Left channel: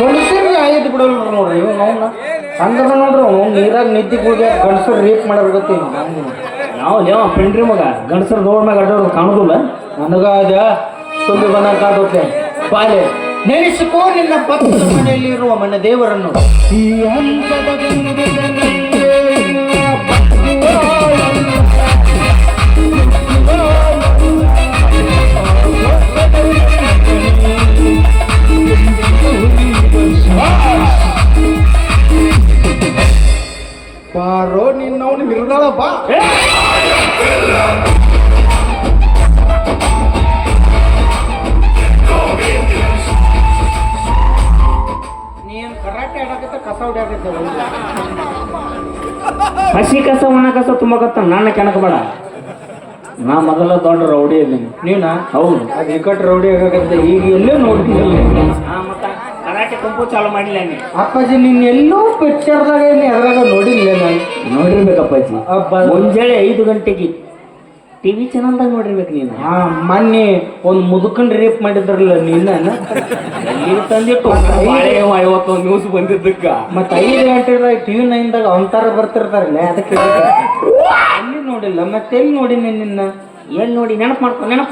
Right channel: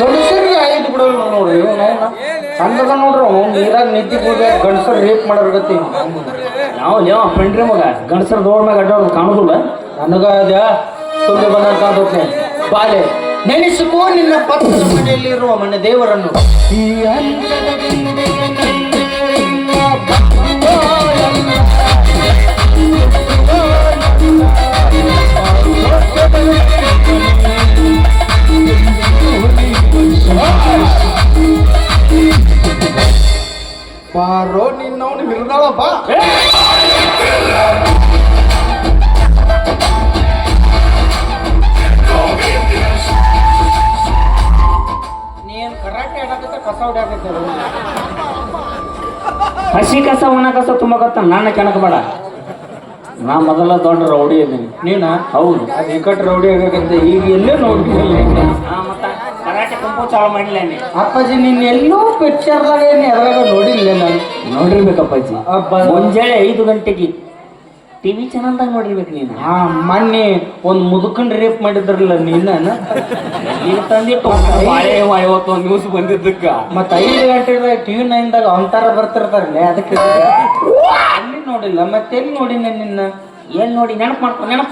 ಗಂಡಸರಿಗೆ ಆಯ್ತು ಬಿಡೋಲ್ಲ ನೋಡ್ರಿ ಹಂಗದ ನೋಡ್ರಿ ಅವ್ನು ನೀರಾಗ ನಿದ್ದೆ ಹೋಗಿ ಗಂಡಸರು ರೇಪ್ ಮಾಡೋರ್ಗತ್ತಿ ನಾವು ಯಾವ ಪಂಡ್ರಿ ಮಗ ಗಂಡಸರು ದೋಡ್ ಮ್ಯಾಗ ಅಡ್ಡೋದು ಕಾಣೋದಿಲ್ಲ. ನನಗ ಅದ ತುಂಬಿ ಬಂದಂತೆ ಬಾಲೆ ನೆನೆಸಿಕೋ ನಿನ್ನ ಪಕ್ಕದ ಮನೆಯಲ್ಲಿರುವ ಮನೆ ದೇವರನ್ನು. ಈ ಬಾರೋ ನಿನ್ನವನು ಮಿರ್ದಾಳ ಬಾ. ನೀನ್ ಕರಾಟೆ ಆಡಕತ್ತ ಕಸ ಹೊಡಿಯಾಕತ್ತ ಹಸಿ ಕಸ ಒಣ ಕಸ ತುಂಬಕತ್ತ ನಾನು ಕೆಣಕಬೇಡ. ನಾ ಮೊದಲ ದೊಡ್ಡ ರೌಡಿ ಇದ್ದೀನಿ. ನೀನ ಹೌದು ಅದು ಇಕ್ಕಟ್ಟು ರೌಡಿ ಆಗಕತ್ತ ಈಗ ಎಲ್ಲೇ ನೋಡ್ತೀನಿ. ಕರಾಟೆ ಕುಂಪು ಚಾಲು ಮಾಡಿಲ್ಲ ಅಪ್ಪಾಜಿ ನಿನ್ನ ಎಲ್ಲೋ ಪಿಕ್ಚರ್ದಾಗ ಅದ್ರಾಗ ನೋಡಿಲ್ಲ ನಾನು. ನೋಡಿರ್ಬೇಕಪ್ಪಾಜಿ. ಮುಂಜಾನೆ 5 ಗಂಟೆಗೆ ಟಿವಿ ಚಾನಲ್ದಾಗ ನೋಡಿರ್ಬೇಕು ನೀನು. ಹಾ ಮೊನ್ನೆ ಒಂದು ಮುದುಕನ್ ರೇಪ್ ಮಾಡಿದ್ರಲ್ಲ ನೀನ ತಂದಿಟ್ಟು 51 ನ್ಯೂಸ್ ಬಂದಿದ್ದಕ್ಕ ಮತ್ತ 5 ಗಂಟೆದಾಗ ಟಿವಿ 9ದಾಗ ಅವತಾರ ಬರ್ತಿರ್ತಾರಲ್ಲ ಅದಕ್ಕೆ ಅಲ್ಲಿ ನೋಡಿಲ್ಲ ಮತ್ತೆ ಎಲ್ಲಿ ನೋಡಿನಿ ನಿನ್ನ. ಎಲ್ಲಿ ನೋಡಿ ನೆನಪು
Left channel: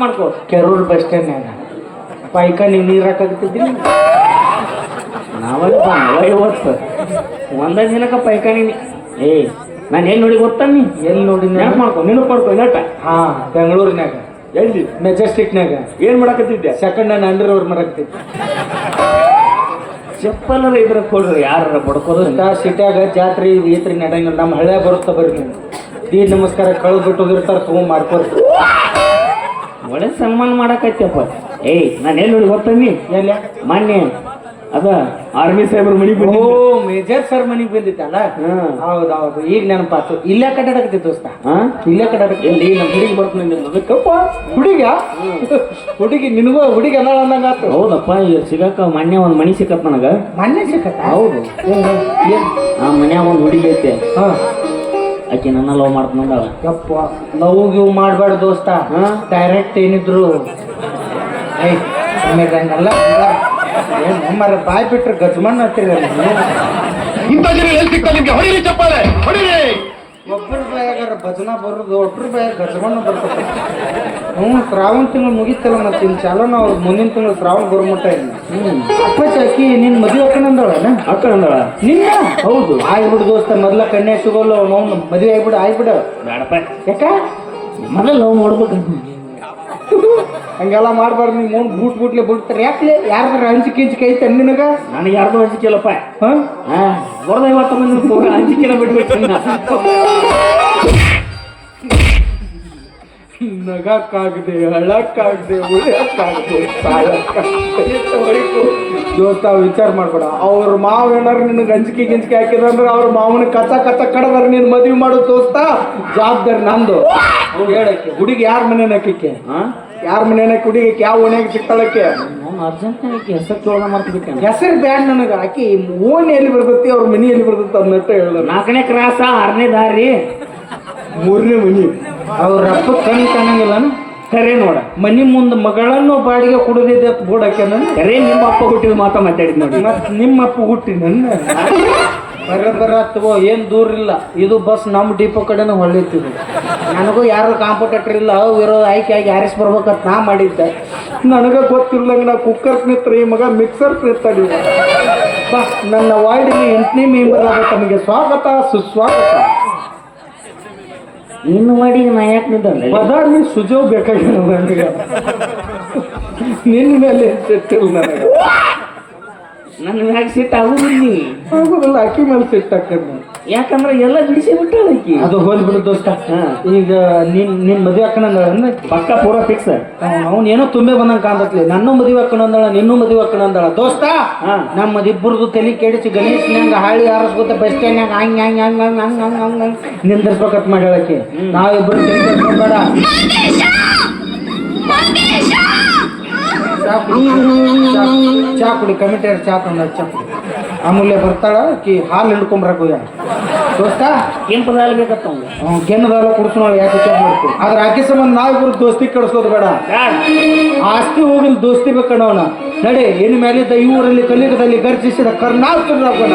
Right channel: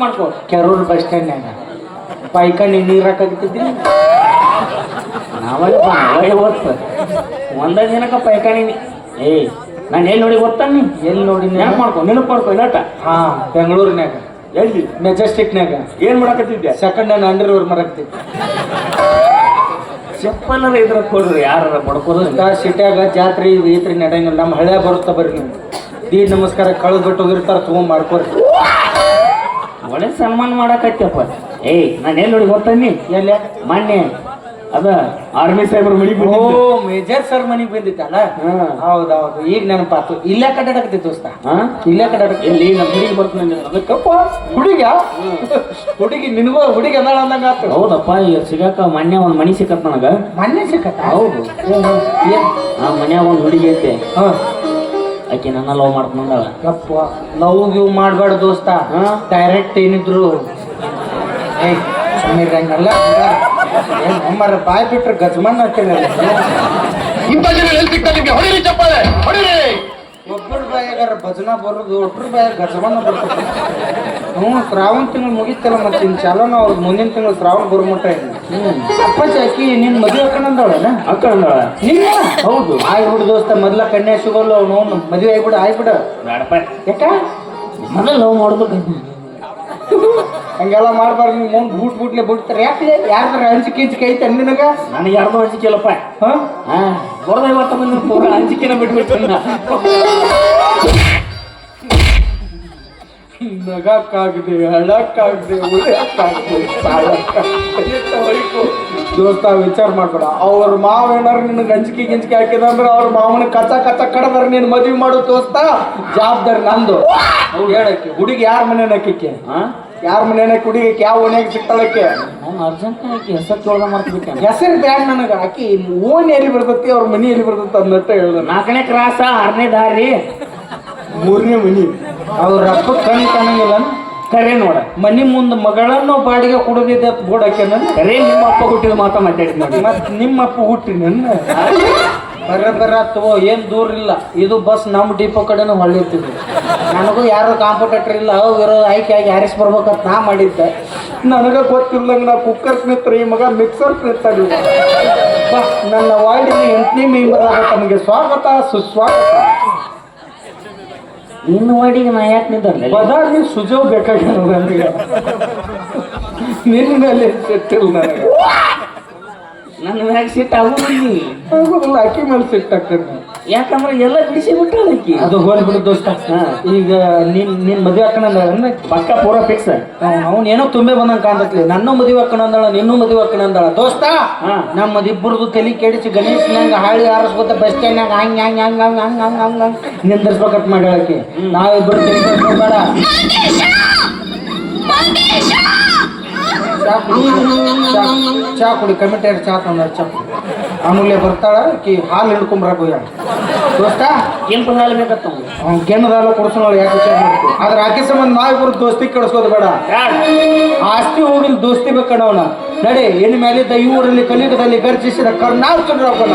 ಮಾಡ್ಕೊ ಕೆರೂರ್ ಬಸ್ ಸ್ಟ್ಯಾಂಡ್ನಾಗ ಪೈಕಾನಿ ನೀರು ಹಾಕಾಗ್ತಿದ್ದೀನಿ. ಇವತ್ತು ಒಂದೇ ದಿನಕ್ಕ ಪೈಕಾನಿ. ನಾನು ಎಲ್ಲಿ ನೋಡಿ ಗೊತ್ತಾ ನೀ ಎಲ್ಲಿ ನೋಡಿ ನೆನಪು ಮಾಡ್ಕೊ ನಟ. ಹಾ ಬೆಂಗಳೂರಿನಾಗ ಎಲ್ಲಿ ಮೆಜೆಸ್ಟಿಕ್ನಾಗ ಏನ್ ಮಾಡಕತ್ತಿದ್ದೆ? ಸೆಕೆಂಡ್ ನಾನು ಅಂಡರ್ವೇರ್ ಮರಕ್ತಿದ್ದೆ. ಚಪ್ಪಲ್ಲ ಇದ್ರ ಕೊಡ್ರಿ ಯಾರ ಬಡ್ಕೋದು. ಸಿಟ್ಯಾಗ ಜಾತ್ರೆ ಗೀತ್ರಿ ನಡೆಯಂಗಿಲ್ಲ. ನಮ್ಮ ಹಳ್ಳ್ಯಾಗ ಬರುತ್ತಾ ಬರ್ರಿ ನೀವು ದಿ ನಮಸ್ಕಾರ ಕಳೆದ್ಬಿಟ್ಟು ಹೋಗಿರ್ತಾರ ತಗೊಂಡ್ ಮಾಡ್ಕೊರಿ. ಒಳ್ಳೆ ಸನ್ಮಾನ ಮಾಡಕತ್ತಪ್ಪ. ನಾನು ಎಲ್ಲಿ ನೋಡಿ ಗೊತ್ತಾ ನೀ ಎಲ್ಲ ಮೊನ್ನೆ ಅದ ಆರ್ಮಿ ಸಾಹೇಬ್ರ ಮನಿಗೆ ಬಂದು ಮೇಜರ್ ಸರ್ ಮನಿಗೆ ಬಂದಿತ್ತಲ್ಲ. ಹೌದೌದು ಈಗ ನೆನಪಾತು. ಇಲ್ಲೇ ಕಡ್ಡಾಡಕತ್ತಿ ದೋಸ್ತ. ಇಲ್ಲೇ ಕಡ್ಡಾಡಕ ಎಲ್ಲಿ ನಮ್ಮ ಹುಡುಗಿ ಬರ್ತಾನಪ್ಪ. ಹುಡುಗಿ ನಿನಗೂ ಹುಡುಗಿ ಅಂದಾಳ ಅಂದಂಗ ಆತು. ಹೌದಪ್ಪ ಈಗ ಸಿಗಾಕ ಮೊನ್ನೆ ಒಂದು ಮನಿ ಸಿಕ್ಕತ್ ನನಗ. ಮೊನ್ನೆ ಸಿಕ್ಕತ್ತ? ಹೌದು. ಆ ಮನ್ಯಾಗ ಒಂದು ಹುಡುಗಿ ಐತೆ. ಹಾ ಆಕೆ ನನ್ನ ಲವ್ ಮಾಡ್ಕೊಂಡಾಳ. ಯಪ್ಪ ಲವ್ ಗಿವ್ ಮಾಡ್ಬೇಡ ದೋಸ್ತ. ಡೈರೆಕ್ಟ್ ಏನಿದ್ರು ಹಂಗಲ್ಲ ನಮ್ಮರ ಬಾಯ್ ಬಿಟ್ರೆ ಗಜಮಾನ್ ಅಂತೀರಲ್ಲ. ಒಬ್ಬರ ಬಾಯಾಗಾರ ಭಜನಾ ಬರೋದು ಒಬ್ಬರ ಬಾಯಾಗ ಗಜಮಾನ ಬರ್ತದೆ. ಶ್ರಾವಣ ತಿಂಗಳು ಮುಗಿತಲ್ಲ ಮತ್ತೆ ಇನ್ನು ಚಾಲೋನ ಅವ್ರಿಗೆ ಮುಂದಿನ ತಿಂಗಳು ಶ್ರಾವಣ ಬರುಮಟ್ಟ ಇಲ್ಲ. ಅಪ್ಪಾಚಿ ಆಕಿ ನಿನ್ ಮದುವೆ ಹಾಕೊಂಡಂದವಳನ ನಿನ್ನ? ಹೌದು ಆಗ್ಬಿಡು ದೋಸ್ತ. ಮೊದ್ಲ ಕನ್ಯಾ ಸಿಗೋಲ್ಲ ನಾವು ಮದುವೆ ಆಗ್ಬಿಡು ಆಗ್ಬಿಡ. ಯಾಕ ಮನ ಲವ್ ಮಾಡ್ಬೇಕು ಹಂಗೆಲ್ಲ ಮಾಡ್ಬಾರ್ದು. ನೀವು ಬೂಟ್ಲೆ ಬಿಡ್ತಾರೆ. ಯಾಕೆ ಯಾರ್ದಾರ ಹಂಚಿಕೆ ಐತೆ ನಿನಗ? ನನಗೆ ಯಾರ್ದು ಹಂಚಿಕೆ ಇಲ್ಲಪ್ಪ. ಬರೋದ 50 ಮಂದಿ ಪೂರ ಹಂಚಿಕೆನ ಬಿಟ್ಬೇಕು. ನಗಕ್ಕಾಗದೆ ಅಳಕ್ಕಾಗದೆ ಉಳಿಯಕ್ಕಾಗದೆ ದೋಸ್ತ ವಿಚಾರ ಮಾಡ್ಬೇಡ. ಅವ್ರ ಮಾವ ಏನಾರು ನಿನಗೆ ಗಿಂಚಿಕೆ ಹಾಕಿದಂದ್ರೆ ಅವ್ರ ಮಾವನ ಕಚ್ಚ ಕಡದ್ರ ನೀನು ಮದುವೆ ಮಾಡೋ ದೋಸ್ತ ಜವಾಬ್ದಾರಿ ನಂದು. ಹೇಳಕ್ಕೆ ಹುಡುಗಿ ಯಾರ ಮನೇನ ಹಾಕಿಕ್ಕೆ? ಯಾರ ಮನೇನ ಹುಡುಗಕ್ಕೆ ಯಾವ ಓಣಿಯಾಗ ಸಿಕ್ತಾಳಕ್ಕೆ? ಅರ್ಜೆಂಟ್ ಹೆಸರು ಕೇಳ್ದ ಮಾಡ್ಬಿಟ್ಟೆ. ಹೆಸರು ಬ್ಯಾಡ ನನಗೆ. ಆಕಿ ಓಣಿ ಎಲ್ಲಿ ಬರ್ತತಿ ಅವ್ರ ಮನಿ ಎಲ್ಲಿ ಬರ್ತತಿ ಅಂದಟ್ಟ ಹೇಳಿದ್ರು. 4ನೇ ಕ್ರಾಸ 6ನೇ ದಾರಿ 3ನೇ ಮನಿ. ಅವ್ರ ಅಪ್ಪ ಕಣ್ ಕಾಣಂಗಿಲ್ಲ. ಕರೆ ನೋಡ ಮನಿ ಮುಂದೆ ಮಗಳನ್ನು ಬಾಡಿಗೆ ಕೊಡೋದಿದ್ದ ಬೋಡಕ್ಕೆ ನಾನು ಕರೆ ನಿಮ್ಮ ಅಪ್ಪ ಹುಟ್ಟಿದ ಮಾತಾಡಿದ್ ನೋಡಿ. ನಿಮ್ಮ ಅಪ್ಪ ಹುಟ್ಟಿ ನನ್ನ ತಗೋ ಏನು ದೂರ ಇಲ್ಲ. ಇದು ಬಸ್ ನಮ್ಮ ಡಿಪೋ ಕಡೆನೇ ಹೊಳ್ಳಿರ್ತಿದ್ವಿ. ನನಗೂ ಯಾರು ಕಾಂಪಿಟೇಟರ್ ಇಲ್ಲ. ಅವು ಇರೋ ಆಯ್ಕೆಯಾಗಿ ಹಾರಿಸಿ ಬರ್ಬೇಕಂತ ನಾ ಮಾಡಿದ್ದೆ. ನನಗೆ ಗೊತ್ತಿಲ್ಲಂಗೆ ನಾ ಕುಕ್ಕರ್ ನಿಂತ್ರಿ ಮಗ ಮಿಕ್ಸರ್ ನಿಂತಾಡಿ. ನನ್ನ ವಾರ್ಡಿನ 8ನೇ ಮೆಂಬರ್ ಆಗ ತಮಗೆ ಸ್ವಾಗತ ಸುಸ್ವಾಗತ. ನಿನ್ನ ವಾರ್ಡಿಗೆ ನಾ ಯಾಕೆ ನಿಂತ ಬದಾರ್ನಿ ಸುಜವ್ ಬೇಕಾಗಿಲ್ಲ ನನಗೆ. ನಿನ್ನಲ್ಲಿ ಸಿಟ್ಟಿಲ್ಲ ನನಗೆ. ನನ್ನ ಮ್ಯಾಗ ಸಿಟ್ಟು ಆಗುದಿಲ್ಲ. ಅಕ್ಕಿ ಮೇಲೆ ಸಿಟ್ಟಾಗ್ತದೆ. ಯಾಕಂದ್ರೆ ಎಲ್ಲ ಬಿಡಿಸಿ ಬಿಟ್ಟದಕ್ಕಿ. ಅದು ಹೋಲ್ಬಿಡು ದೋಸ್ತ. ಈಗ ನಿನ್ ಮದುವೆ ಹಾಕೋಣ ಪಕ್ಕ ಪೂರ ಫಿಕ್ಸ್. ಅವ್ನು ಏನೋ ತುಂಬೆ ಬಂದಂಗೆ ಕಾಣ್ತತ್ಲಿ. ನನ್ನ ಮದುವೆ ಹಾಕೋಣಂದಾಳ ನಿನ್ನೂ ಮದುವೆ ಹಾಕೋಣಂದಾಳ ದೋಸ್ತ. ನಮ್ಮದು ಇಬ್ಬರದು ತಲೆ ಕೆಡಿಸಿ ಗಲೀಸ್ನ್ಯಾಗ ಹಾಳಿ ಹಾರಿಸ್ಕೊತ ಬಸ್ ಸ್ಟ್ಯಾಂಡ್ನಾಗ ಹಂಗೆ ಹಂಗೆ ಹಂಗೆ ಹಂಗೆ ಹಂಗೆ ಹಂಗೆ ಹಂಗೆ ಹಂಗೆ ನಿಂದಿರ್ಸ್ಬೇಕಂತ ಮಾಡ್ಯಾಳಕ್ಕೆ. ನಾವಿಬ್ಬರು ಬೇಡ ಚಾ ಕುಡಿ ಕಮಿಟಿಯರ್ ಚಾ ತಂದ ಚಾ ಕುಡಿ. ಅಮೂಲ್ಯ ಬರ್ತಾಳ ಕಿ ಹಾಲು ಹಿಡ್ಕೊಂಬರಕ್ಕೆ ಹೋಗ್ಯಾಳ ದೋಸ್ತ. ಕೆಂಪು ಹಾಲು ಬೇಕತ್ತ ಕೆನ್ನದಾಲ ಕುಡಿಸೋಣ. ಯಾಕೆ ಚೆಕ್ ಮಾಡ್ತೀವಿ ಆದ್ರೆ ಆಕೆ ಸಂಬಂಧ ನಾವಿಬ್ಬರು ದೋಸ್ತಿ ಕೆಡಿಸೋದು ಬೇಡ. ಆಸ್ತಿ ಹೋಗಿಲ್ ದೋಸ್ತಿ ಬೇಕಣ್ಣವನ. ನಡೆ ಇನ್ನು ಮೇಲಿದ್ದ ಈ ಊರಲ್ಲಿ ಕಲಿಯುಗದಲ್ಲಿ ಗರ್ಜಿಸಿದ ಕರ್ನಾಟಕ ರಾಗೋಣ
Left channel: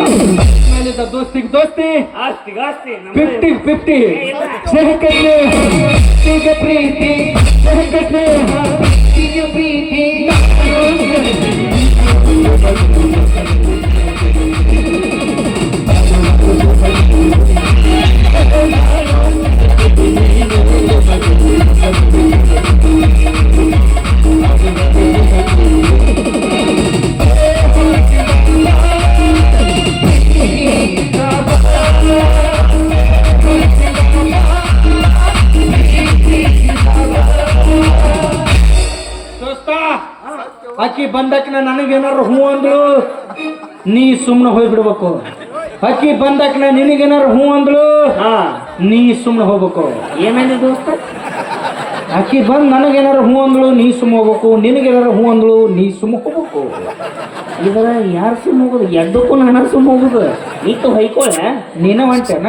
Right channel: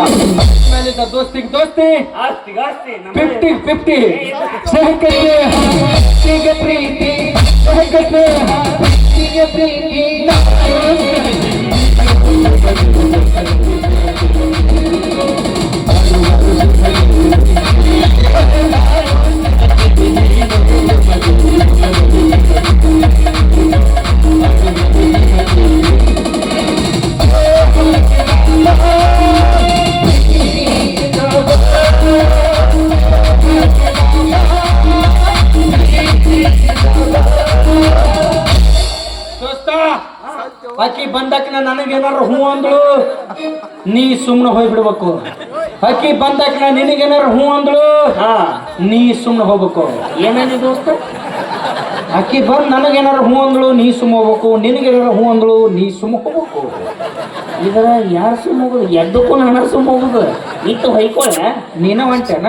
ಮೇಲಿದ್ದ ದೋಸ್ತಿಗೆ ದೋಸ್ತಿ ಆಸ್ತಿಗೆ ಆಸ್ತಿ 50-50 ಪ್ರೀತಿ ಆಕಿ ಬಂದಾಕಿನ ನನಗೇನಾರು ಹೂ ಅಂದ್ಳು ನೀ ಸುಮ್ಮನೆ ಹೋಗ್ಬಿಡ್ಬೇಕು. ಆಕಿ ಬಂದಾಕಿನ ನಿನಗೇನಾರು ಹೂ ಅಂದ್ಳು ಹಾ ನೀ ಸುಮ್ಮನೆ ಹೋಗ್ಬೇಕು. ಏನೇನು ದೋಸ್ತ ಆಕಿ ಬಂದ್ ನನಗೇನಾರು ಹೂ ಅಂದ್ಳು ನೀ ಸುಮ್ಮ ಹೋಗ್ಬೇಕು, ನಿನಗೇನಾರು ಹೂ ಅಂದ್ಳು ನೀ ಸುಮ್ಮ ಹೋಗ್ಬೇಕು. ಇದ್ರ ಯಾರು ಸುಮ್ಮ ಹೋಗುದು? ಎಡ್ಡಕ್ಕೂ ನಾನು ಸುಮ್ಮ ಹೋಗುದು. ಇತ್ತು ಹೊಯ್ಕೊಳ್ಳ ನೀನ ಹೊಂಟೇನ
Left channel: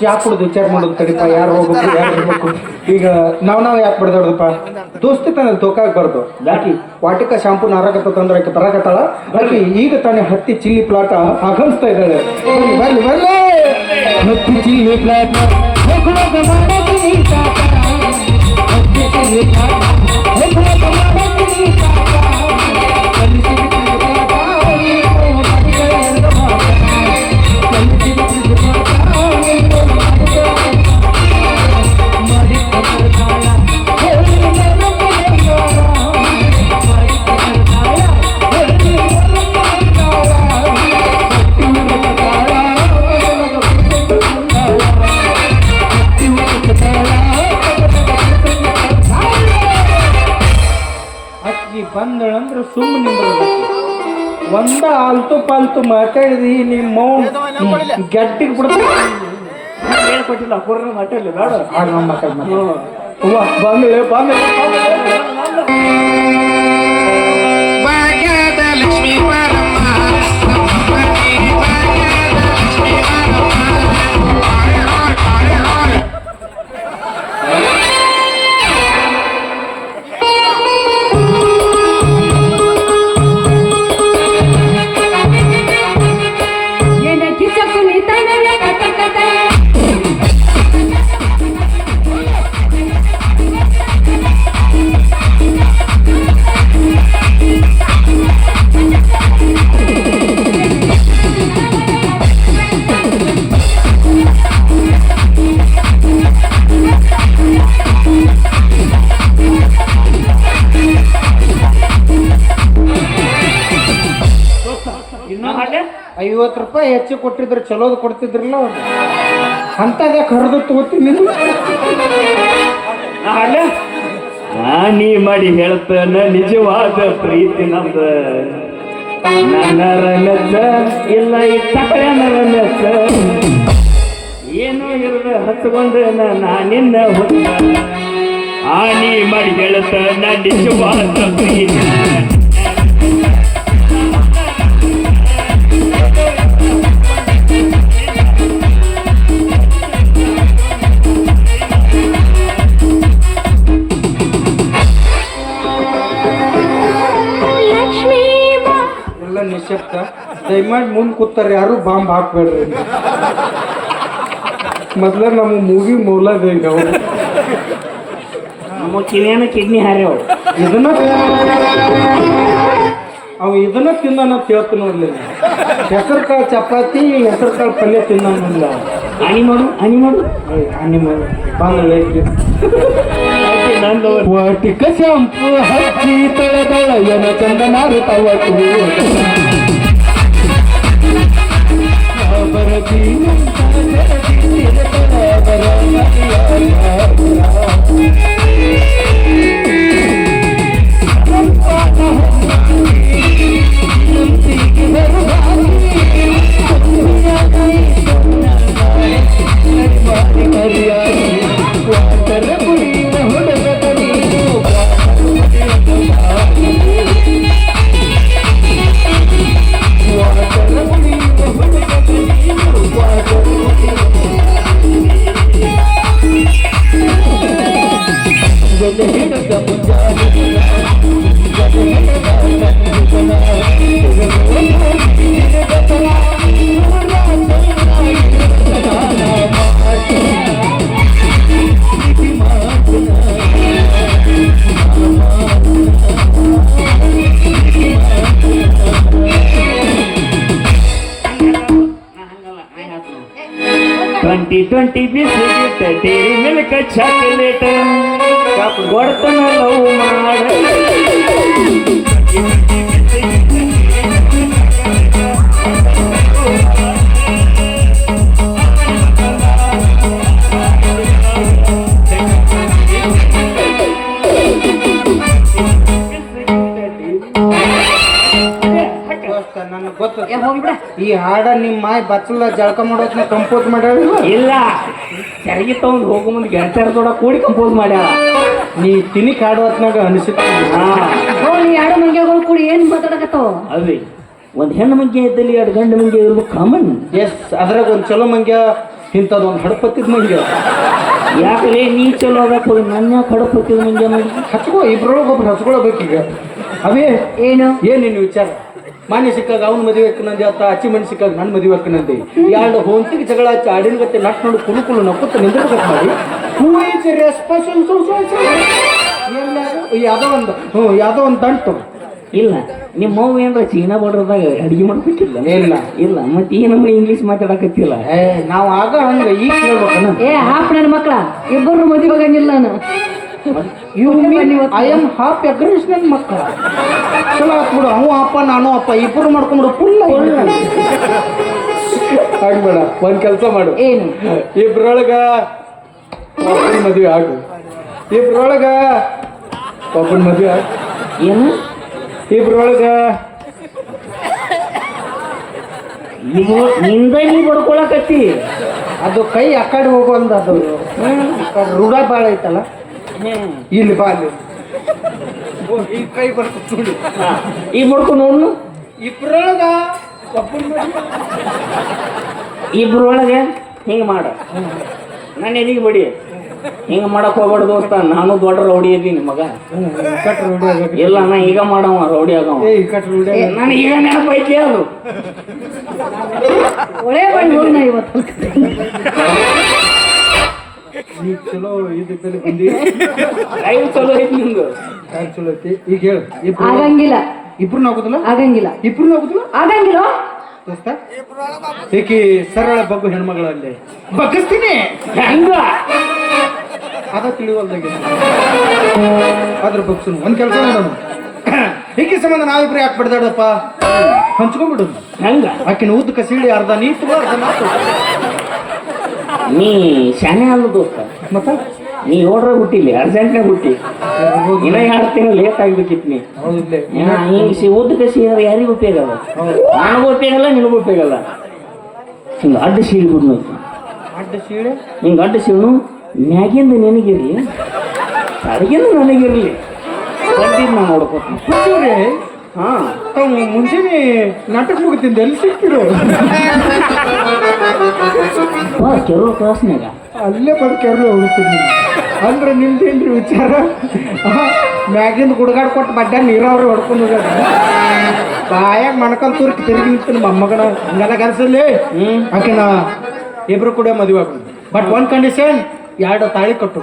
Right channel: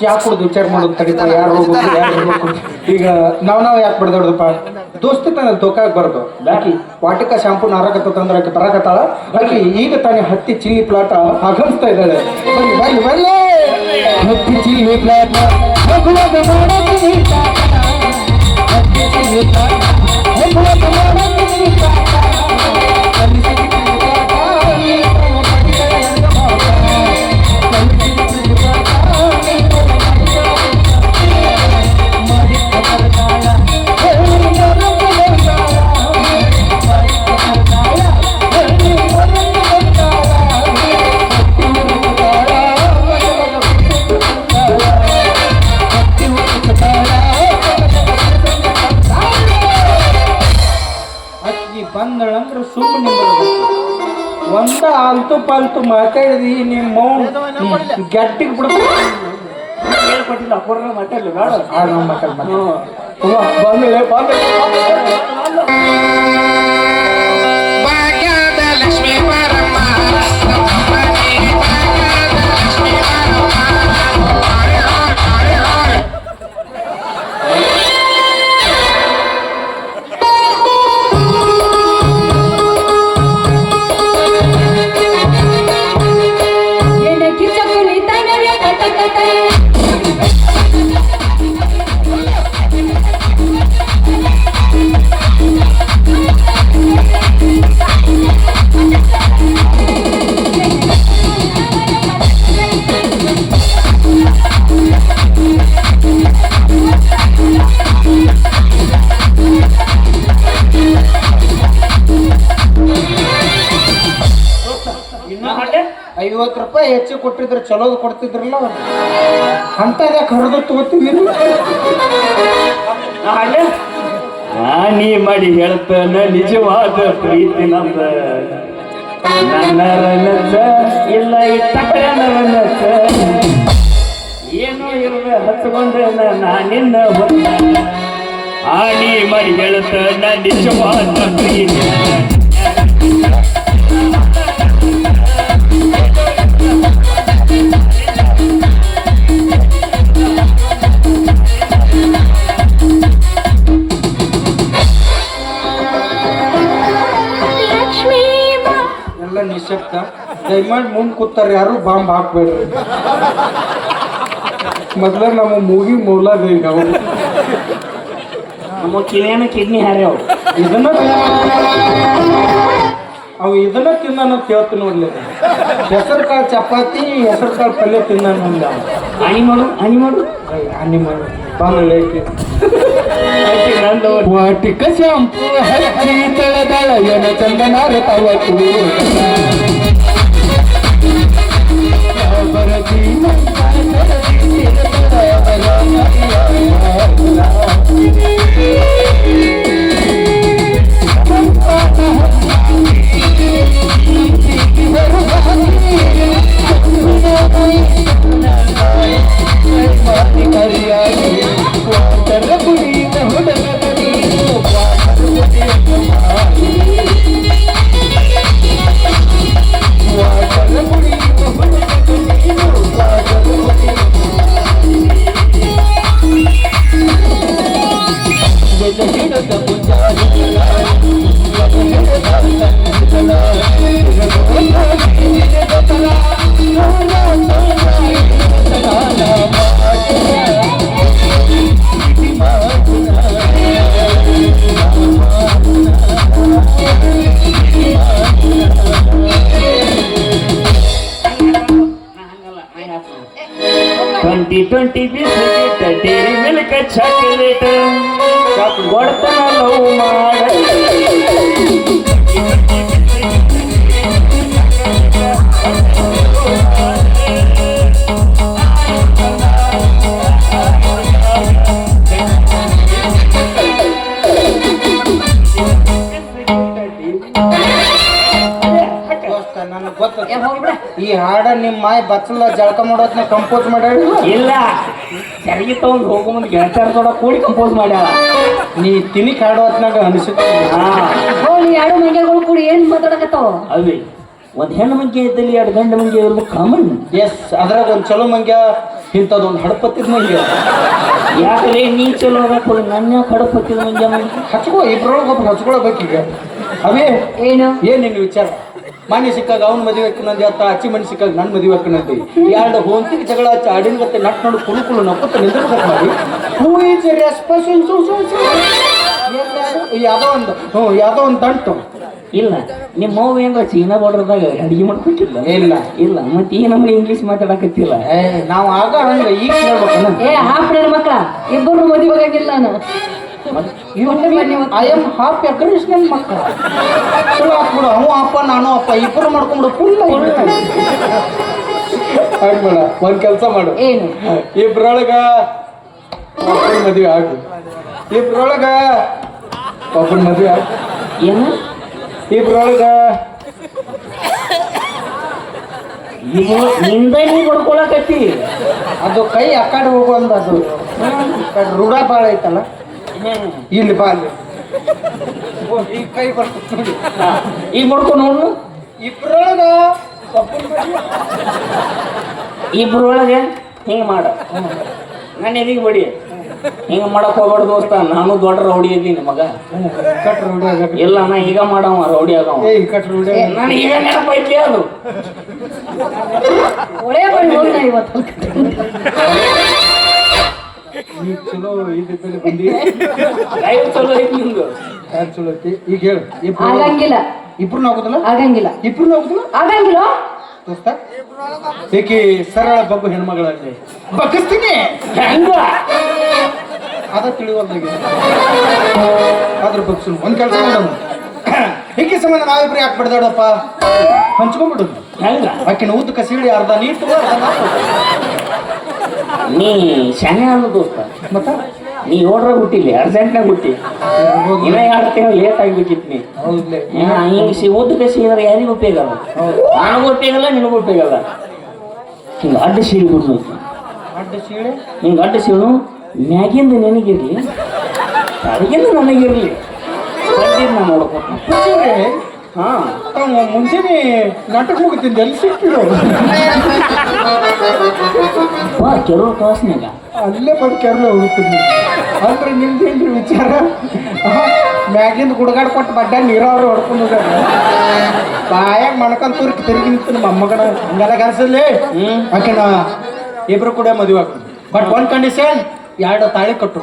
ಚಾ ಕುಡ್ದು ವಿಚಾರ ಮಾಡೋದು ತಡಿಪ ಯಾರು ಹೋಗ್ಬೇಕು ಯಾರು ಹೋಗ್ಬೇಕು. ಈಗ ನಾವ್ ಯಾಕೆ ಬಿಡ್ದೋಡದಪ್ಪ ದೋಸ್ತಿ ತಾನೆ ದೋಕಾಗ್ಬಾರ್ದು. ಆಕಿ ವಾಟಿಕ ಶಾಂಪು ನಾರಾಕತ್ತ ತಂದ್ರೆ ಆಕಿ ಬರಾಕತ್ತಾಳ. ಆಕಿ ಈಗ ತಾನೆ ಹತ್ತಿ ಚಿಲ್ಲಿ ಪ್ಲಾಟ ಆಗಮಿಸ್ತಾ ಇದ್ದಾಳೆ. ಬರ್ಲಿ ಬರ್ಲಿ ಹತ್ತಿ ಚಿಲ್ಲಿ ಪ್ಲಾಟ ಬಂದಳಂದ್ರೆ ಸುಮ್ಮನೆ ಒಂದ ಆಲ್ತು ಪಾಲ್ತು ಮಾತಾಡಿದಿ ನಿಮ್ಮ ಗಟ್ಟಿಗೆ ಬಿಡ್ತೀವಿ ಹೇಳ್ಕೊಟ್ಟಿಲ್ಲ ಪೂರ್ಣ ಮಾತಾಡಲಿ ಬೇಡ ಬಾಮೇಲೆ ಬಾಮೇಲೆ ₹50 ಹೆಚ್ಚು ಕೊಟ್ಟಿದ್ರೆ ಚಲೋದು ಕೊಡ್ತಿದ್ರಲ್ಲ ಅಂತದ ಕರೆದು ತಗೋತೀನಿ. ನೀ ಮಾಡಿ ಹೇಳ್ತಾನೆ ನಿಜವಾದ ಪ್ರೀತಿ ನಮ್ದ ನನ್ನ ಇಲ್ಲ ಏನೋ ಇರದ ಹತ್ಕೊಂಡ ನಿನ್ನ ನೀ ಮಾಡಿ ಹೇಳ್ತಾನೆ ನಿಜವಾದ ಪ್ರೀತಿ. ನಿಶಬ್ದ ದಯಮಾಡಿ ಮುಂದೆ ಕೂತಾರ ಯಾರು ಬಾಂಬ್ ಹಾಕ್ಬೇಡ್ರಿ. ಮೊದ್ಲ ನಮ್ಮ ಮೂವಿ ಮೂಲದ ಈಗ ಕಿಡ್ನಿ ಹಾರ್ಯಾವ ಇದನ್ನ ಅವು ಇದನ್ನ ತಿನ್ನ ಕೇಳ್ತೀನಿ ಮೊದ್ಲ. ಹೆಸರು ಕಾಳು ಚಪಾತಿ ಹೆಸರು ಕಾಳು ಪಲ್ಯ ತಿನ್ನ ಹನಿ ಮಾಡು ಹನಿ ಮಾಡು ಹನಿ ಮಾಡು ಬಾಂಬೆ ವಾಟಿಕ ಶಾಂಪು ಹಚ್ಚಿ ತಳದಳ ಏನ ಚಂದನಾರ ತವಕು 2020 ಬಿಸ್ಕೆಟ್ ಡೈರಿ ಮಿಲ್ಕ್ ಚಾಕ್ಲೇಟ್ ಕೊಡ್ತಾನ ಲವ್ ಮಾಡ ನನಗೆ ಗೊತ್ತ ಈ ಹಾಡ ನಿಮ್ಮ ಮಾಯ ಬಚ್ಚಲ ಜಳಕ ಮಾಡೋದ್ನ ಕಂಪೋಸ್ ಮಾಡ್ಯಾಳ ಇಲ್ಲ ತೆರಿಗೆ ತಗೊಂಡು ಹೋಗೋ ಮುಂದೆ ಗೆಳತಿಯರ ಕೂಡ ಕೂಡಿ ಕಂಪೋಸ್ ಮಾಡ್ಯಾಳ ನೀ ತಿನಿಕ್ ಹಾಡೋತ್ನಾಗ ಅನಿಸುತ್ತೆ ಎರಡು ಮಂಗ್ಯಾಗಳು ಕೂಡಿ ಏನ್ ಮಾತಾಡಕತ್ತಾವ ಅಲ್ರಿ ಒಂದ್ ಹೆಣ್ಣು ಮಂಗೆ ಇದ್ದಲ್ಲಿ ಎರಡು ಗಂಡು ಮಂಗೆ ಇರೋದು ಕಾಮನ್. ಎಸ್ ಅದ್ರಾಗ ಒಂದ್ ಚಲೋ ಮಂಗ್ಯ ಇಂಥದ್ದು ಒಂದು ಹಡಪತ್ತಿದ ಮಂಗ್ಯ ಯಾಕಂದ್ರೆ ನೀ ಚಲೋ ಆಗಕ್ಕೆ ನನ್ನ ಹಡಪತ್ತಿದ ಮಂಗೆ ಹಚ್ಕೋ ಇಬ್ರೊಳಗೊಬ್ರು ಹಚ್ಕೊಳ್ಬೇಕೀಗ ಅವೇ ಏನು ಏನೇನು ವಿಚಾರ ಮಾನ್ಯ ಸಿಕ್ಕಾಗ ಅವ್ನ ಮದುವೆ ಹಾಕಿನಂದಿ ಅತ್ತ ಅಚ್ಚಿ ಮನೆ ಸಿಕ್ಕಾಗ ನನ್ನ ಮದುವೆ ಹಾಕಿನಂದಿ ಎರಡು ಹೋಂತಿಗೆ ಜಗಳ ಹಚ್ಚಿ ಆಡಿನ ಗತ್ತೆ ನಟ್ಕೊಂಡು ಕುಲು ನಕ್ಕುತ್ತ ನಿಂದಿರ್ಬೇಕು ಮಾಡಿ ಹೂ ಈಸ್ ಯಾವುದೋ ಒಂದು ದಂಟು ಇಲ್ಲ ನಿಮ್ಮ ಅವ್ವ ಏನ್ರ ಚೀನಾ ಬಾರ್ಡರ್ದಾಗ ಅಡಿಗೆ ಮಾಡ್ಬೇಕಿಲ್ಲ ಇಲ್ಲ ಇಲ್ಲ ಮತ್ತೆ ಈ ನಮ್ಮ ಇಂಗ್ಲೀಷ್ ಮಾತಾಡಕತ್ತಿಲ್ಲ ನಾವು ಆಗ ಅಂದ್ರೆ ಈಗ ಕೇಳ್ಬೇಕಣ್ಣ ಹಾಫ್ ಮಕ್ಕಳ ಇಬ್ಬರು ಮದುವೆ ಹೋಗಂಗಿಲ್ಲ ನಾನು ಐ ಆಮ್ ಹಾಫ್ ಅಗ್ರೇಷನ್ ನನ್ನ ಮಕ್ಕಳ ಚಲೋ ಹಾಕ್ಬಿಡು ಅವ ಅಪ್ಪ ನಾನು ಅಪ್ಪ ಇಬ್ಬರು ಮಾಡ್ಕೊಂಡು ಫುಲ್ ಆಗ್ಬೇಡ ಒಂದ್ ಕೆಲಸ ಮಾಡು ಏನು ಇಬ್ರೊಳಗ ಒಬ್ಬನ ಮದುವೆ ಆಗು ಇಬ್ರೊಳಗ ಒಬ್ಬನ ಮದುವೆ ಆಗ ಏನು ಇಬ್ರೊಳಗ ಇದು ನಿಂದ ನೀ ಬಡ್ಕೊಳಕತ್ತಿ ಅದು ಕೈ ಆ ಕಡೆ ಹೋಗುವಂದ ಅದು ರೂಢ ಬಾಳ ಐತಲ್ಲ ಇಲ್ಲಿ ಬಾಲಿ ಈ ಕೈ ಬರ್ತದೆ ನೋಡಿ ಈಗ ಮಾಡ್ಕೊಂಡು ನೋಡು ಇಬ್ರೊಳಗ ಇಬ್ರೊಳಗೆ ಹಿಂಗೆ ಮಾಡ ನನ್ನ ಎದಿಗೆ ಬಡಿ ಹಿಂಗೆ ಮಾಡಕ್ ಹೋಗ್ಬೇಡ ದೋಸ್ತ ನಾನು ದೊಡ್ಡ ರೌಡಿ ಇದ್ದೀನಿ ಮಗ ಕಟ್ ರೂಢಿ ಆಗ ಎಲ್ಲ ನಾ ಈಗ ಮಾಡವ ರೌಡಿ ಆಗವ ಏ ಕಟ್ ರೂಢಿ ನಾನು ಈಗ ನೆನಪೈತಿ ಅದು ಒಳ್ಳೆ ಬಣ್ಣ ಇವತ್ತು ನೀ ಚಲೋ ಇದ್ದಲ್ಲಿ ಬಂದಿ ಲೈವ್ ಚಲೋ ಐತಿ ನಿಂದು ಯಾರು ಚಲೋ ಐತಿ ಈಗ ಹೇಳು ಇಬ್ರು ಆಗಂಗಿಲ್ಲ ಇಬ್ರು ಆಗುದಿಲ್ಲ ಆಗಂಗಿಲ್ಲ ಇಬ್ರು ಆಗುದಿಲ್ಲ ಆಗಂಗಿಲ್ಲ ದೋಸ್ತ ಏಕೆ ಸರಳ ಬಗ್ಗು ಹೆಣ್ಮಗಳಂತೆ ಬಗ್ಗಿಸ್ತೀನಿ ಹೆಂಗ ಅದ ತಿಳಿವಲ್ದಾಗೆ ಅದ್ರ ಬಗ್ಸಿನ ಒಂದ್ ಕೆಲಸ ಮಾಡೋಣ ಏಕೆ ಸಂಬಂಧ ನಾವಿಬ್ರು ಯಾಕೆ ಬಿಡ್ದಾಡಪ್ಪ ಹಂಚ್ಕೊಂಡ್ಬಿಡು ಹೆಂಗ ಆಕಿನ ಉದ್ದಕ ಸೀಳಿ ಅರ್ಧ ನೀತು ಅರ್ಧ ನಾಲ್ಕು ನೀ ಶಾನೆ ಅಲ್ಲ ದೋಸ್ತ ಮತ್ತ ನೀ ನೋಡ್ರ ಹುಟ್ಟಿಲ್ಲ ಅರ್ಜೆಂಟ್ನಾಗ ಹುಟ್ಟಿ ಇನ್ನ 2 ತಿಂಗಳು ಲೇಟ್ ಆಗ್ಬೇಕಿತ್ತು ನೀ ಹೌದಿಲ್ಲ ಹಿಂಗೆ ಉದ್ದ ಕಸಿ ಅಂದ್ರೆ ಯಾರಿಗೂ ಉಪಯೋಗ ಅಲ್ಲ ನನಗೂ ಉಪಯೋಗ ಅಲ್ಲ ನಿನಗೂ ಉಪಯೋಗ ಅಲ್ಲ ಹಿಂಗೆ ಅಡ್ಡ ಸೀಳಿ ಬಿಡ್ನು ಅಡ್ಡ ಸೀಳೆ ಹಿಂಗೆ ಅಡ್ಡ ಸೀಳು ಮ್ಯಾಗಿಂದ ನಿನಗಿರ್ಲಿ ಅಡಿಗಿಂದ ನನಗಿರ್ಲಿ ಬಂದಿದ್ದು ನಾ ನೋಡ್ಕೊತೀನಿ ಹುಚ್ಚವ್ರೆ ಹಾಂ ತಾವು ಮುಂಚೆನೆ ನಾಟಕ ಹೋಗುತ್ತಿದ್ದೆ ಎಲ್ಲಿ ಸಿಕ್ಕಿರೋ ಕೆಲವು ಕ್ಲಾಸ್ನಾಗ ಅಲ್ಲೇ ಬಡ್ಕ್ಯಾರಲ್ಲ ಹೋಗುತ್ತೀನಿ ಅಂದ್ರೆ ನಿಮ್ದೇನ್ರಿ ವಿಚಾರ ಮ್ಯಾಗಿಂದ ಗುಡ್ಗಾಡ್ ಕೊಟ್ಟು ಬಡ್ಡ ನೀರವ್ರ ಹೊಡ್ಕೊಂಡಿದ್ದಾರೆ ಬಾಯಾಗ ಮಣ್ಕೊಂಡ್ ತುರ್ಕ್ ತಿರುಗಿ ನಿಂತು ನಮ್ಮ ಮೊಮ್ಮಗನ ಹಂಗೆಲ್ಲ ಕನ್ಸಲ್ಲಿ ಆಕೆ ನಾ ಇಬ್ರು ಕೂಡ ಮದುವೆ ಆಗ್ತೀನಿ ಬಟ್ ಒಂದ್ ಕಂಡೀಷನ್ 2 ತಾಳಿ ಕಟ್ಟು